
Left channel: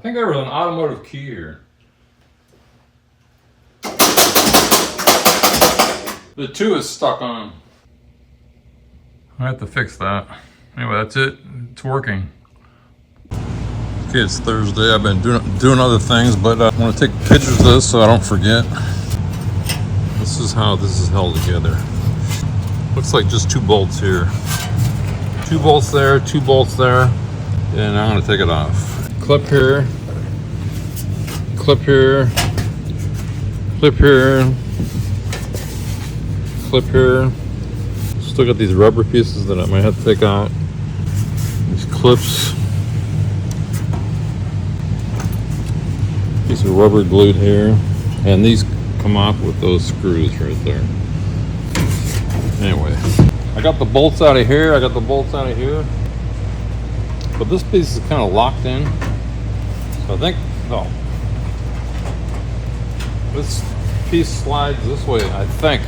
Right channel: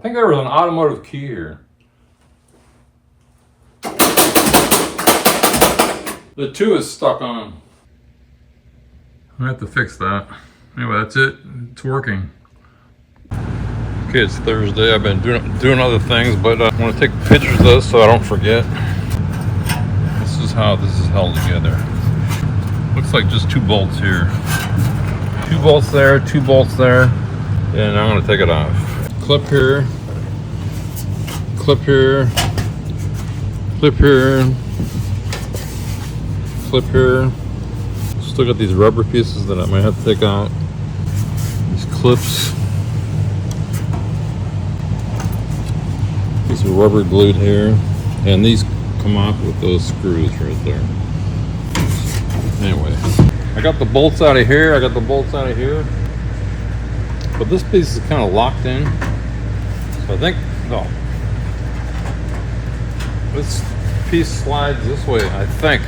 think there was an automotive key here. The 2 is stuck on. I have to fix that. Anyway, that's it. It's working. Okay, it's Thursday. I've been doing other things, but I'm going to take pictures of this so I don't forget. This is how this is held together. Looks like just 2 bolts here. 2 bolts there, 2 bolts there, and I'm going to take it off. Clip here, clip here, clip here, clip here. Still got these rubber pieces that I might have to take out. These clips. These are rubber glued here, and these come off with those screws right there. Anyway, I got the bolts out of here, I got the bolts out of here, but this piece is kind of locked in, so I think, oh, this piece slides this way, I think.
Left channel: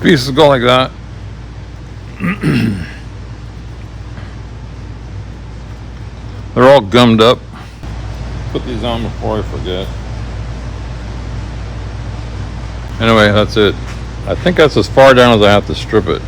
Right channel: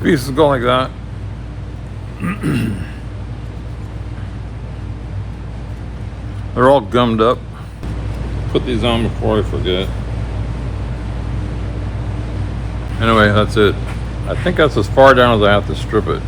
pieces go like that. They're all gummed up. Put these on before I forget. Anyway, that's it. I think that's as far down as I have to strip it.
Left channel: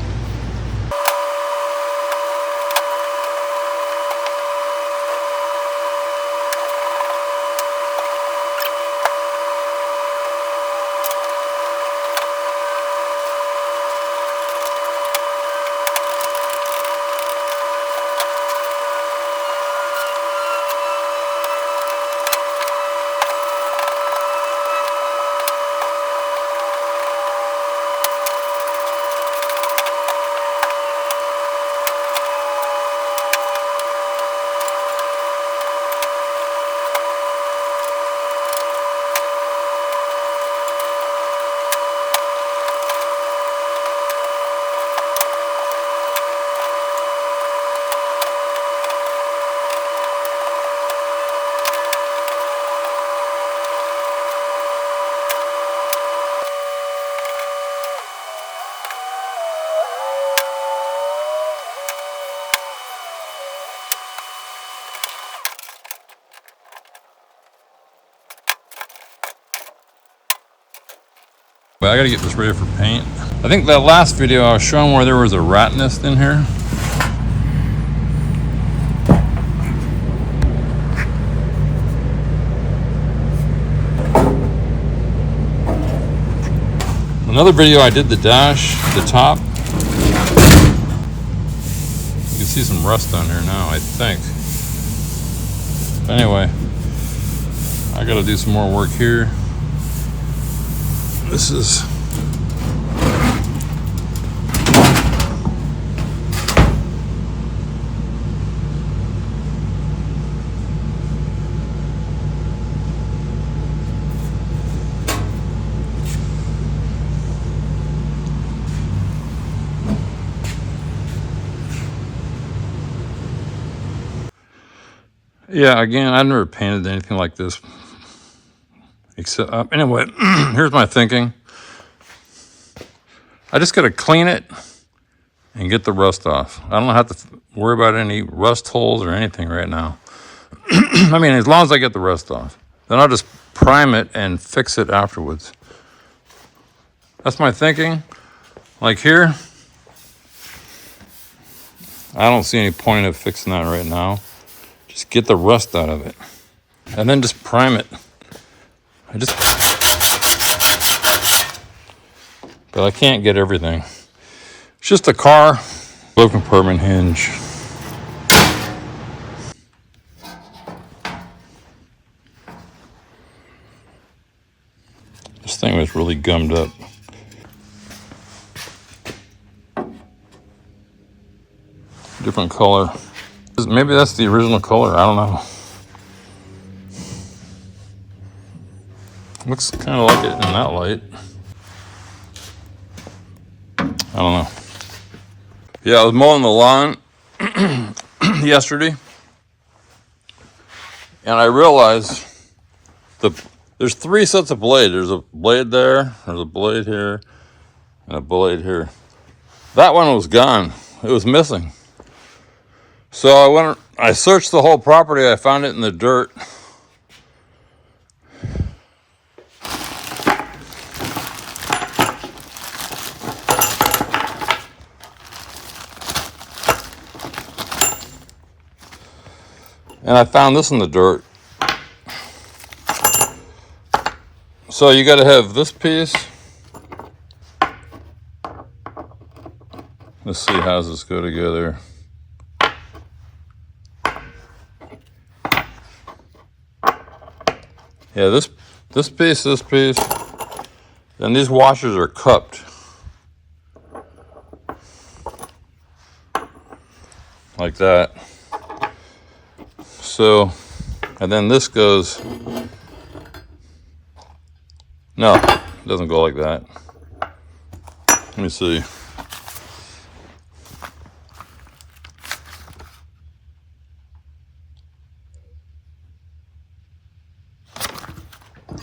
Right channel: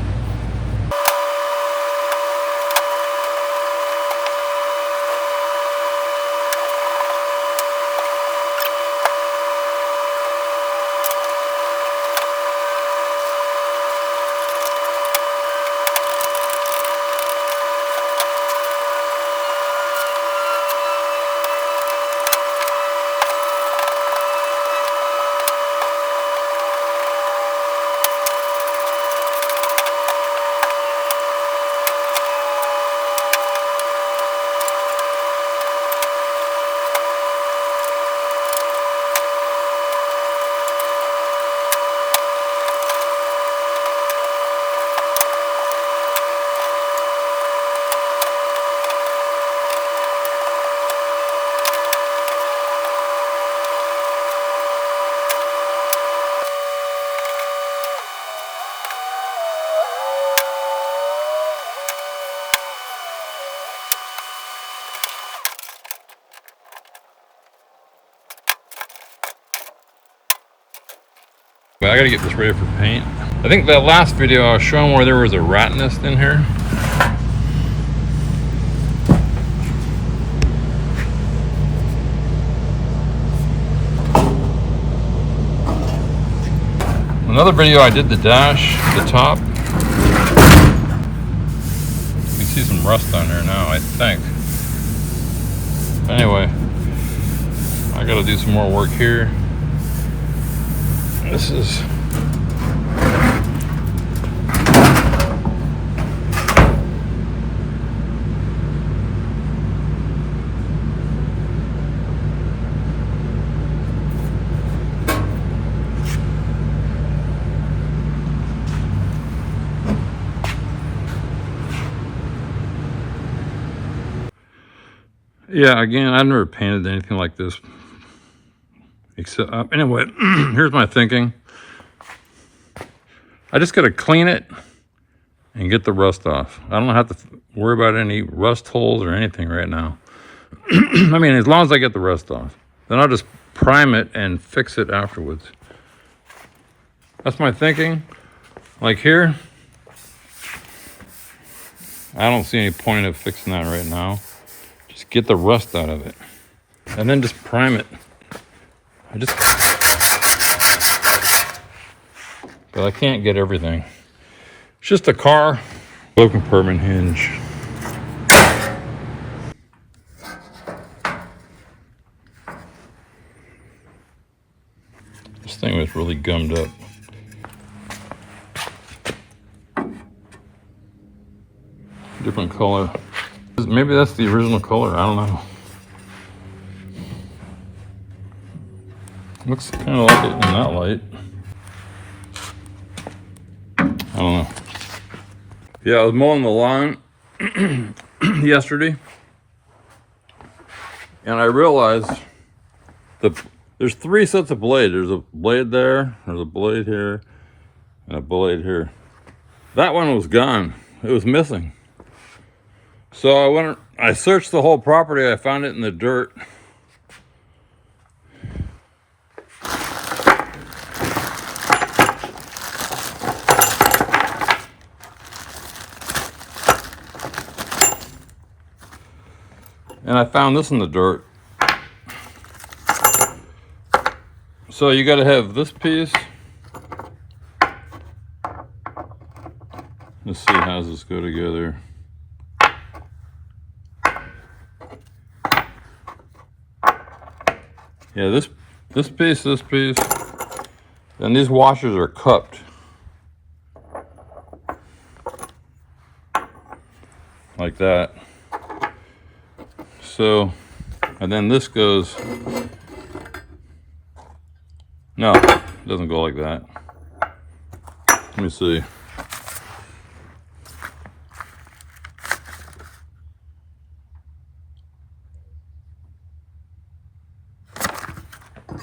But I gotta get this ready for paint. I think that last video I was showing where there was a rat nest in here. Another video I did the dash, the top. You can see some rust on there now, I think. Anyway, I gotta do some more work here. This is yeah, again, I've never painted anything like this. Except, anyway, here's my thinking. I just got to clean it and get the rust off. I don't have to worry about any rust holes or anything right now. I mean, as long as I get the rust off. Then I'll just prime it and fix it afterwards. That's my thinking. Like here, I don't see any point of fixing that right now. Just get the rust out of it. And then just prime it. But I can't get everything. It's just a car, low compartment hinge. This thing was really gummed up. Different color. Maybe that's the original color, I don't know. Looks kind of like it in that light. I don't know. Yeah, I was mowing the lawn yesterday, and I realized there's 3 sets of blades. There's a blade there, there's a blade here, and a blade here. That one was gone. It was missing. So I searched the whole property. I found it in the dirt. And I found this in the dirt. So you got to have this piece. Let's see, how does this go together? Yeah, this piece, then these washers are cupped. Like that. So, and then this goes, no, it doesn't go like that. Let me see.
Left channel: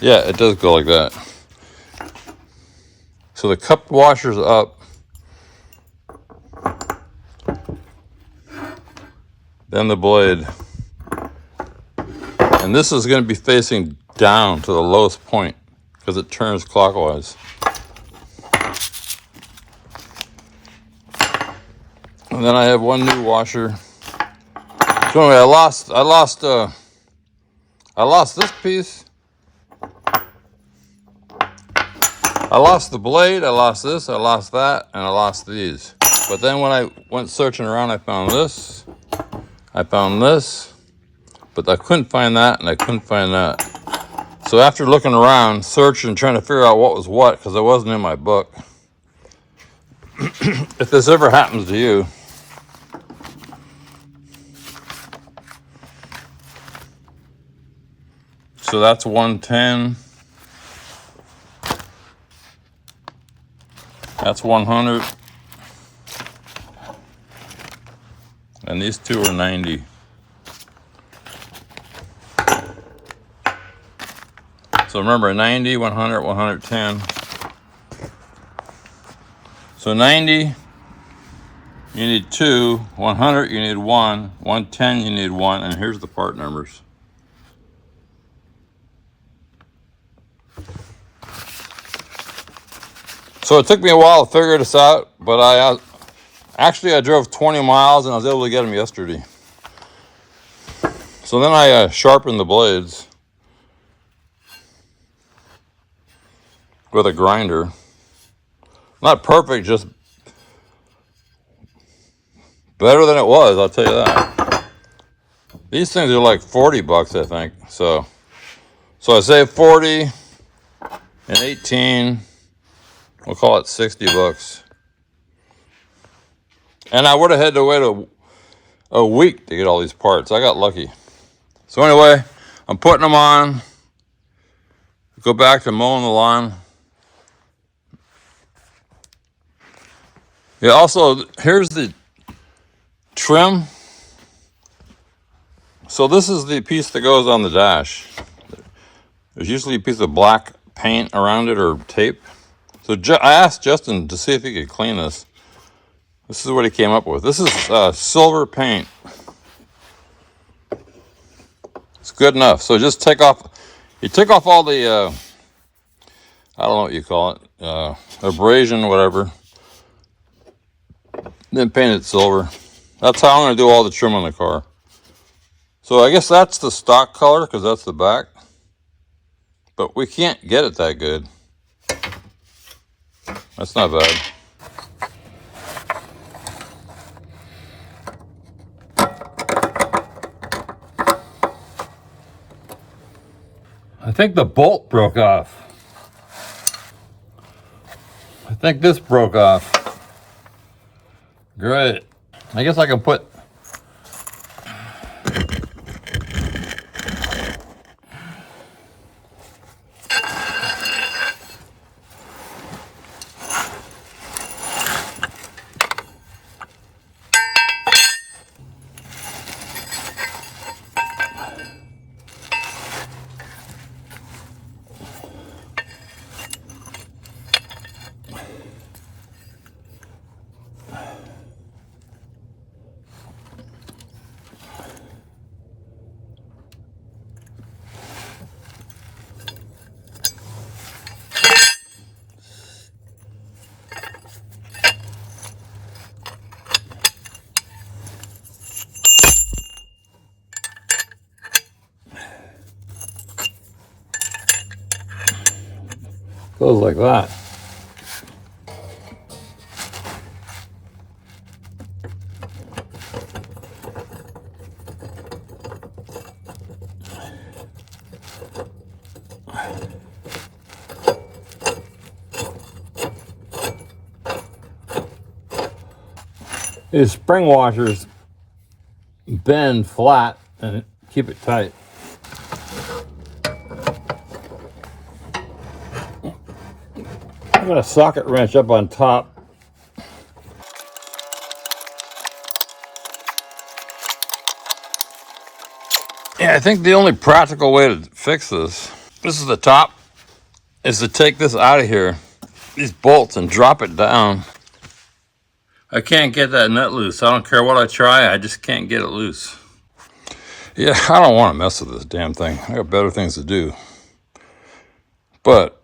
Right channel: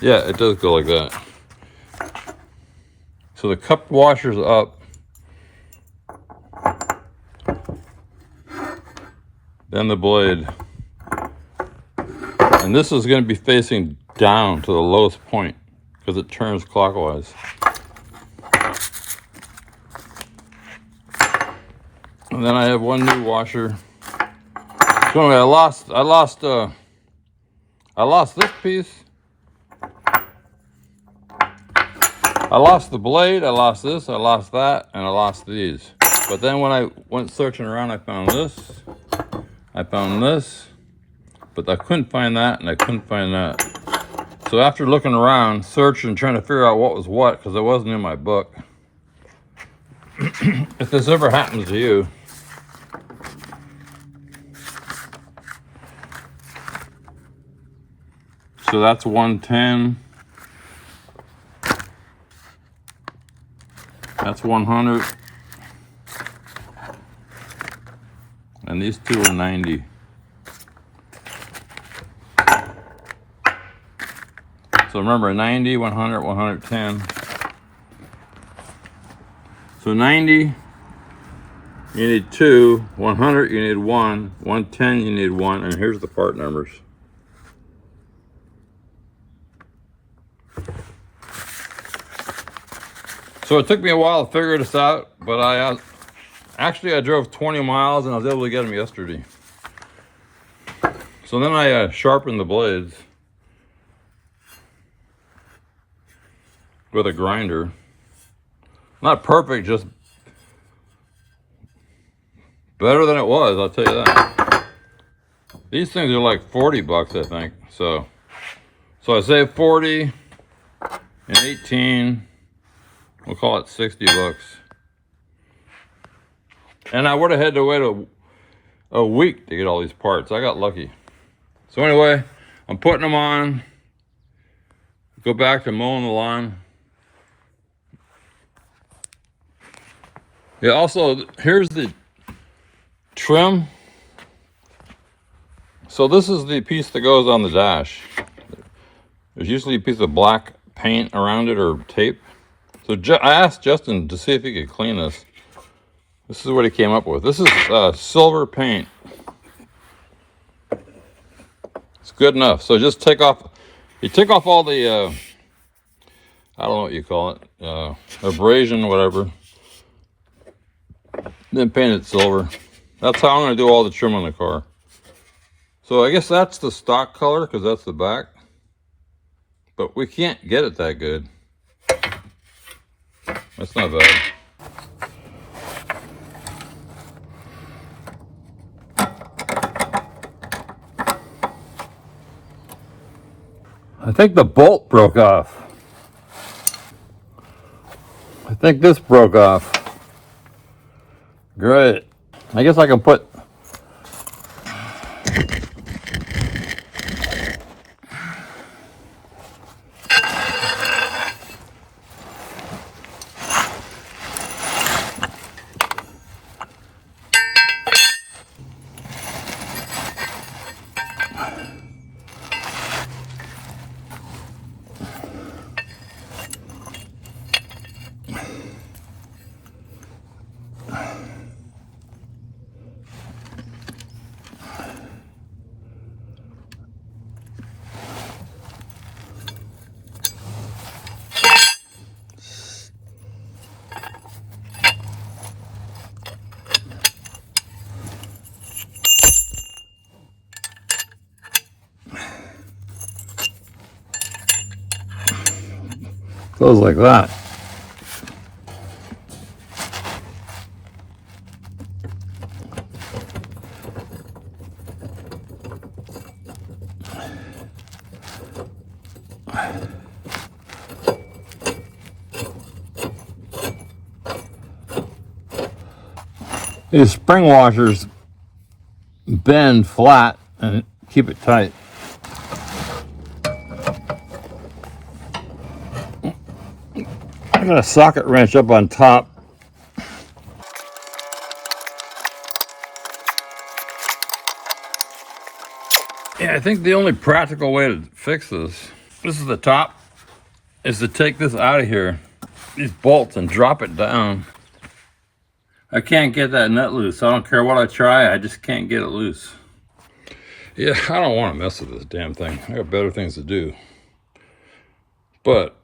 Yeah, it does go like that. So the cupped washer's up, then the blade. And this is going to be facing down to the lowest point because it turns clockwise. And then I have one new washer. So anyway, I lost this piece. I lost the blade, I lost this, I lost that, and I lost these. But then when I went searching around, I found this, but I couldn't find that, and I couldn't find that. So after looking around, searching, trying to figure out what was what, because it wasn't in my book. If this ever happens to you, so that's 110. That's 100. And these two are 90. So remember, 90, 100, 110. So 90, you need 2. 100, you need 1. 110, you need 1. And here's the part numbers. So it took me a while to figure this out, but I drove 20 miles and I was able to get them yesterday. So then I sharpened the blades with a grinder. Not perfect, just better than it was, I'll tell you that. These things are like 40 bucks, I think. So I saved 40 and 18. We'll call it 60 bucks. And I would have had to wait a week to get all these parts. I got lucky. So anyway, I'm putting them on. Go back to mowing the lawn. Yeah, also, here's the trim. So this is the piece that goes on the dash. There's usually a piece of black paint around it or tape. So I asked Justin to see if he could clean this. This is what he came up with. This is silver paint. It's good enough. So just take off all the, I don't know what you call it, abrasion, whatever. Then paint it silver. That's how I'm going to do all the trim on the car. So I guess that's the stock color because that's the back. But we can't get it that good. That's not bad. I think the bolt broke off. I think this broke off. Great. I guess I can put close like that. These spring washers bend flat and keep it tight. I got a socket wrench up on top. Yeah, I think the only practical way to fix this is the top, is to take this out of here, these bolts, and drop it down. I can't get that nut loose. I don't care what I try, I just can't get it loose. Yeah, I don't want to mess with this damn thing. I got better things to do. But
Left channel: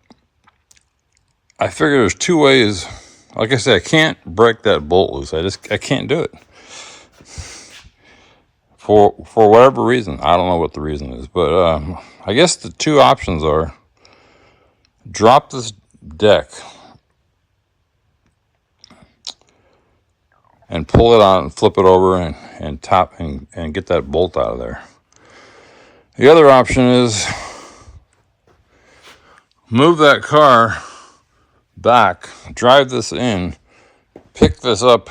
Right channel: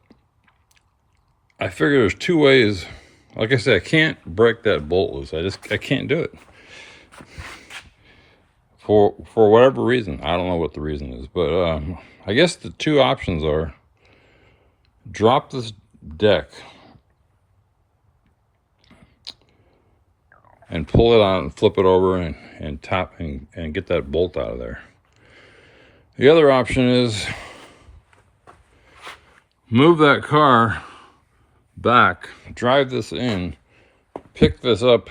I figure there's two ways. Like I said, I can't break that bolt loose. I can't do it. For whatever reason. I don't know what the reason is. But I guess the two options are drop this deck and pull it out and flip it over and top and get that bolt out of there. The other option is move that car back, drive this in, pick this up,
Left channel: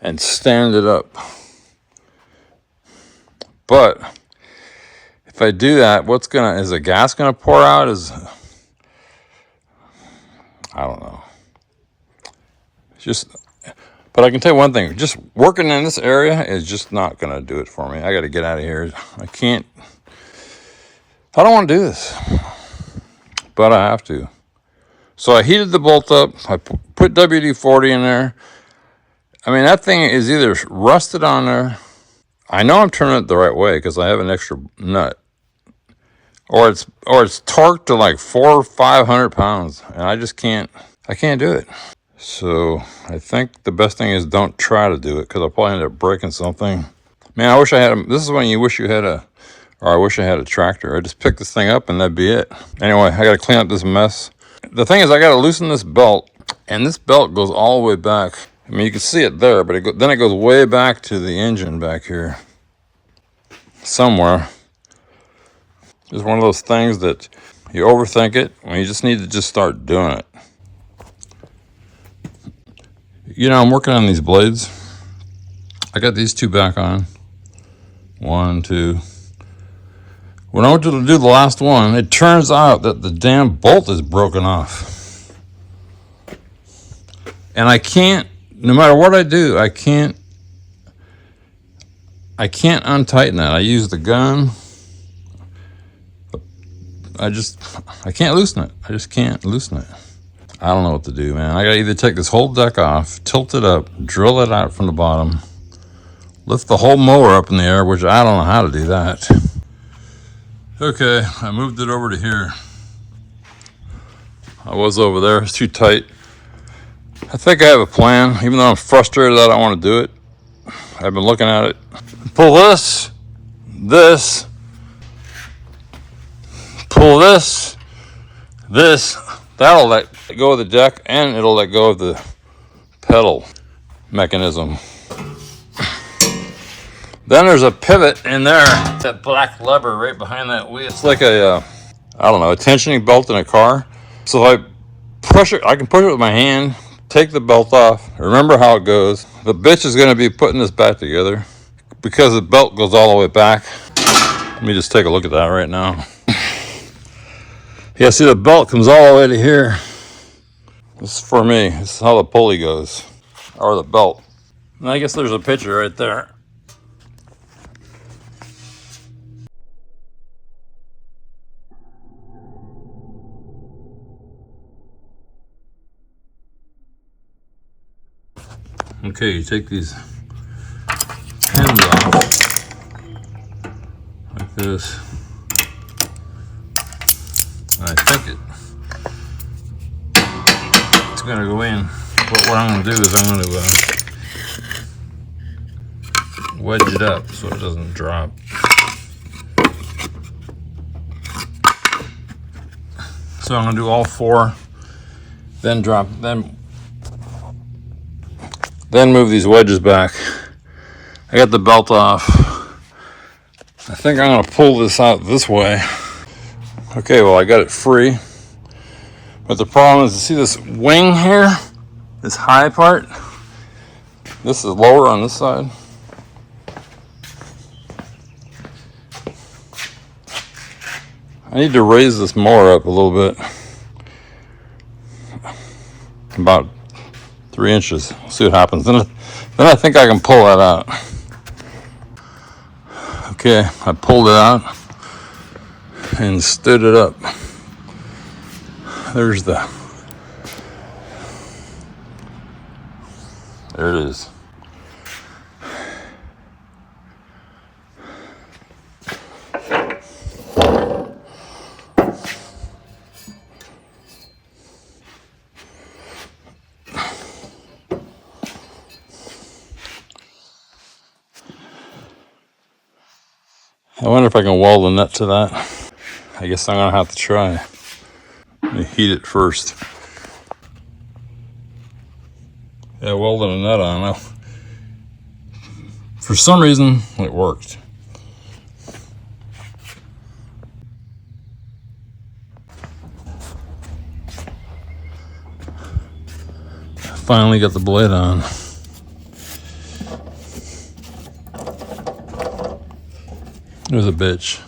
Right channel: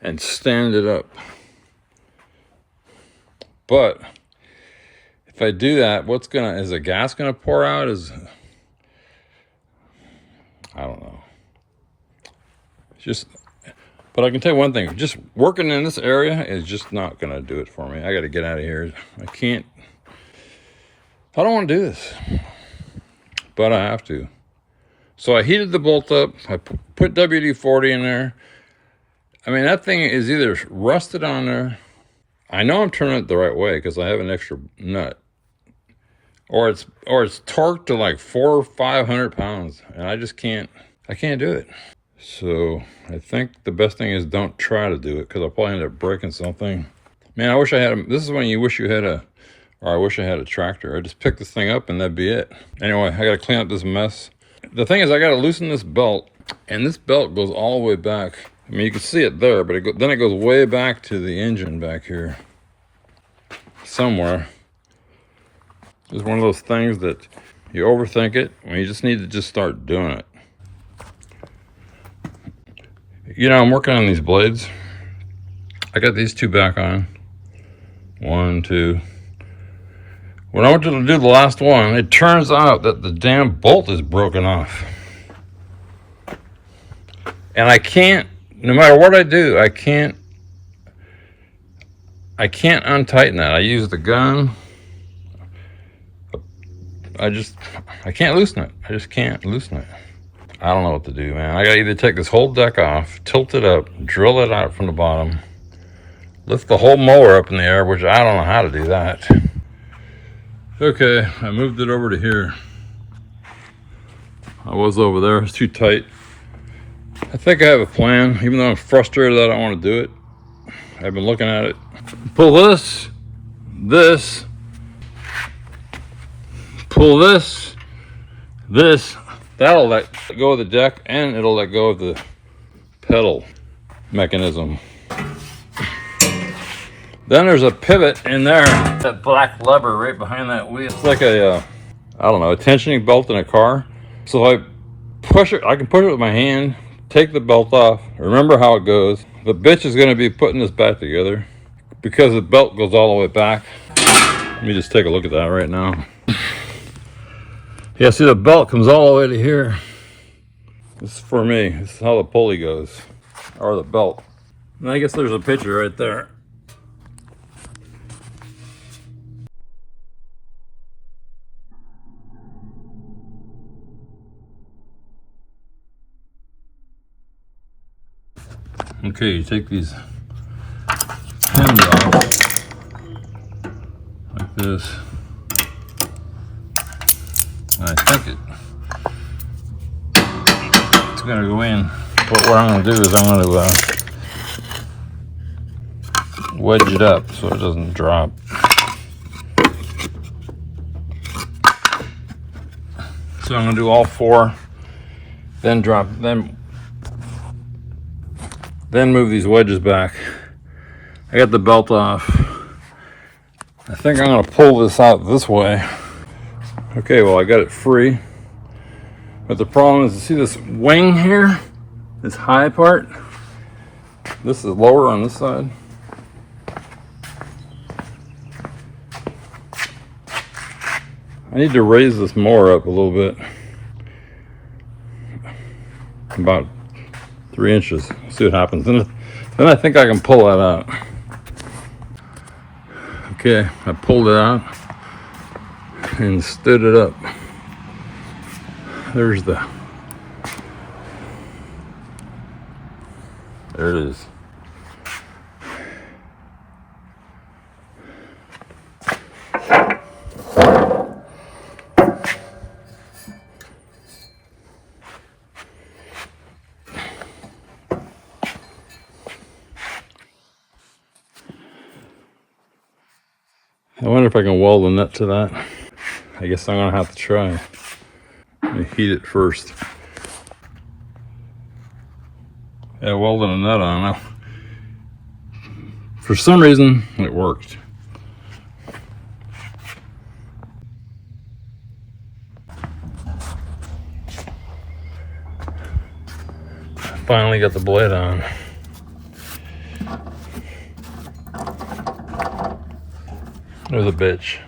and stand it up. But if I do that, is the gas gonna pour out? I don't know. But I can tell you one thing, just working in this area is just not gonna do it for me. I gotta get out of here. I don't wanna do this, but I have to. So I heated the bolt up, I put WD-40 in there. I mean, that thing is either rusted on there. I know I'm turning it the right way because I have an extra nut. Or it's torqued to like 400 or 500 pounds. And I can't do it. So I think the best thing is don't try to do it because I'll probably end up breaking something. Man, I wish I had this is when you wish you had I wish I had a tractor. I just pick this thing up and that'd be it. Anyway, I gotta clean up this mess. The thing is, I gotta loosen this belt, and this belt goes all the way back. I mean, you can see it there, but then it goes way back to the engine back here. Somewhere. It's one of those things that you overthink it when you just need to just start doing it. You know, I'm working on these blades. I got these two back on. 1, 2. When I went to do the last one, it turns out that the damn bolt is broken off. And I can't, no matter what I do, I can't untighten that. I use the gun. I can't loosen it. I just can't loosen it. I don't know what to do, man. I gotta either take this whole deck off, tilt it up, drill it out from the bottom, lift the whole mower up in the air, which I don't know how to do that. Okay, I moved it over to here. I was over there, it's too tight. I think I have a plan, even though I'm frustrated that I don't want to do it. I've been looking at it. Pull this, pull this, that'll let go of the deck and it'll let go of the pedal mechanism. Then there's a pivot in there, that black lever right behind that wheel. It's like a tensioning belt in a car. So if I push it, I can push it with my hand, take the belt off. Remember how it goes. The bitch is gonna be putting this back together because the belt goes all the way back. Let me just take a look at that right now. Yeah, see the belt comes all the way to here. This is for me. This is how the pulley goes, or the belt. And I guess there's a picture right there. Okay, you take these pins off like this. I think it's gonna go in. But what I'm gonna do is I'm gonna wedge it up so it doesn't drop. So I'm gonna do all four, then drop, then move these wedges back. I got the belt off. I think I'm gonna pull this out this way. Okay, well I got it free. But the problem is, you see this wing here? This high part? This is lower on this side. I need to raise this mower up a little bit. About 3 inches. See what happens. Then I think I can pull that out. Okay, I pulled it out and stood it up. There it is. I wonder if I can weld a nut to that. I guess I'm gonna have to try. Let me heat it first. Yeah, welded a nut on now. For some reason, it worked. Finally got the blade on. It was a bitch.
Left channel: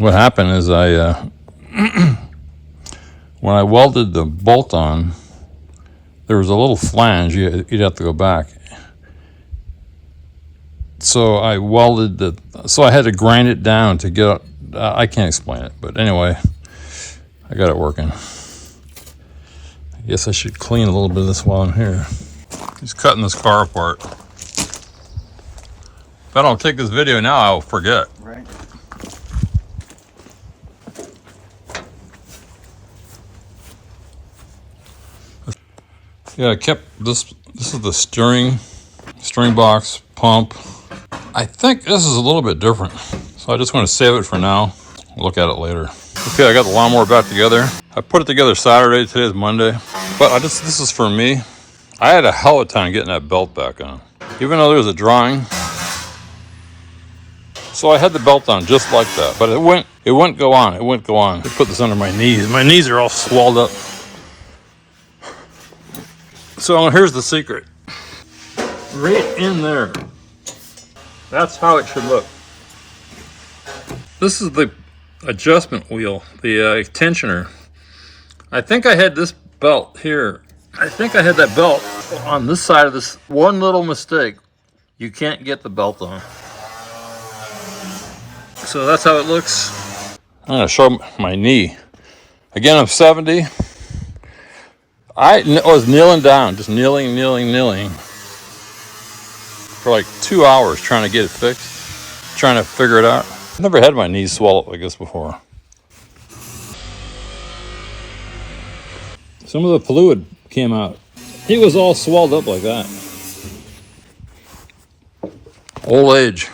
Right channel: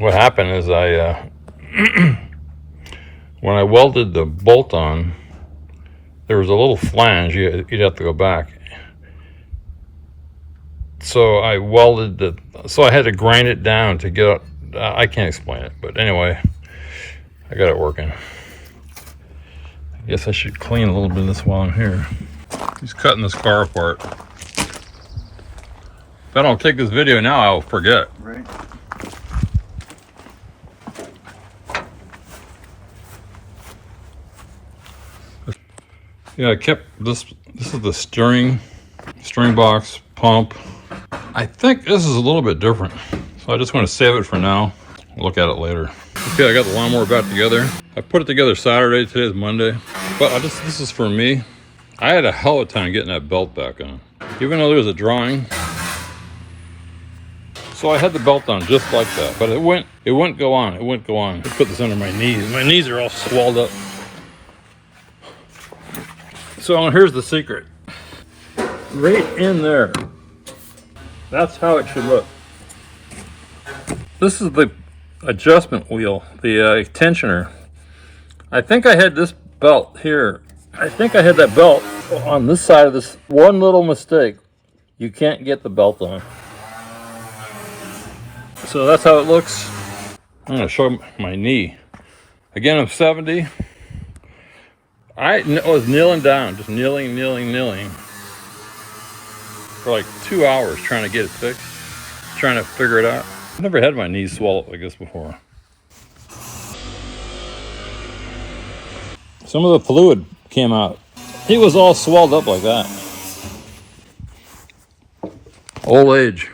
What happened is when I welded the bolt on, there was a little flange, you'd have to go back. So I had to grind it down to get, I can't explain it, but anyway, I got it working. I guess I should clean a little bit of this while I'm here. He's cutting this car apart. If I don't take this video now, I'll forget. Right. Yeah, I kept this. This is the steering box, pump. I think this is a little bit different, so I just want to save it for now. We'll look at it later. Okay, I got the lawnmower back together. I put it together Saturday. Today is Monday, but this is for me. I had a hell of a time getting that belt back on, even though there was a drawing. So I had the belt on just like that, but it wouldn't go on. It wouldn't go on. I put this under my knees. My knees are all swelled up. So here's the secret. Right in there. That's how it should look. This is the adjustment wheel, the tensioner. I think I had this belt here. I think I had that belt on this side of this. One little mistake, you can't get the belt on. So that's how it looks. I'm gonna show my knee. Again, I'm 70. I was kneeling down, just kneeling for like 2 hours trying to get it fixed, trying to figure it out. I've never had my knees swell up like this before. Some of the fluid came out. It was all swelled up like that. Old age.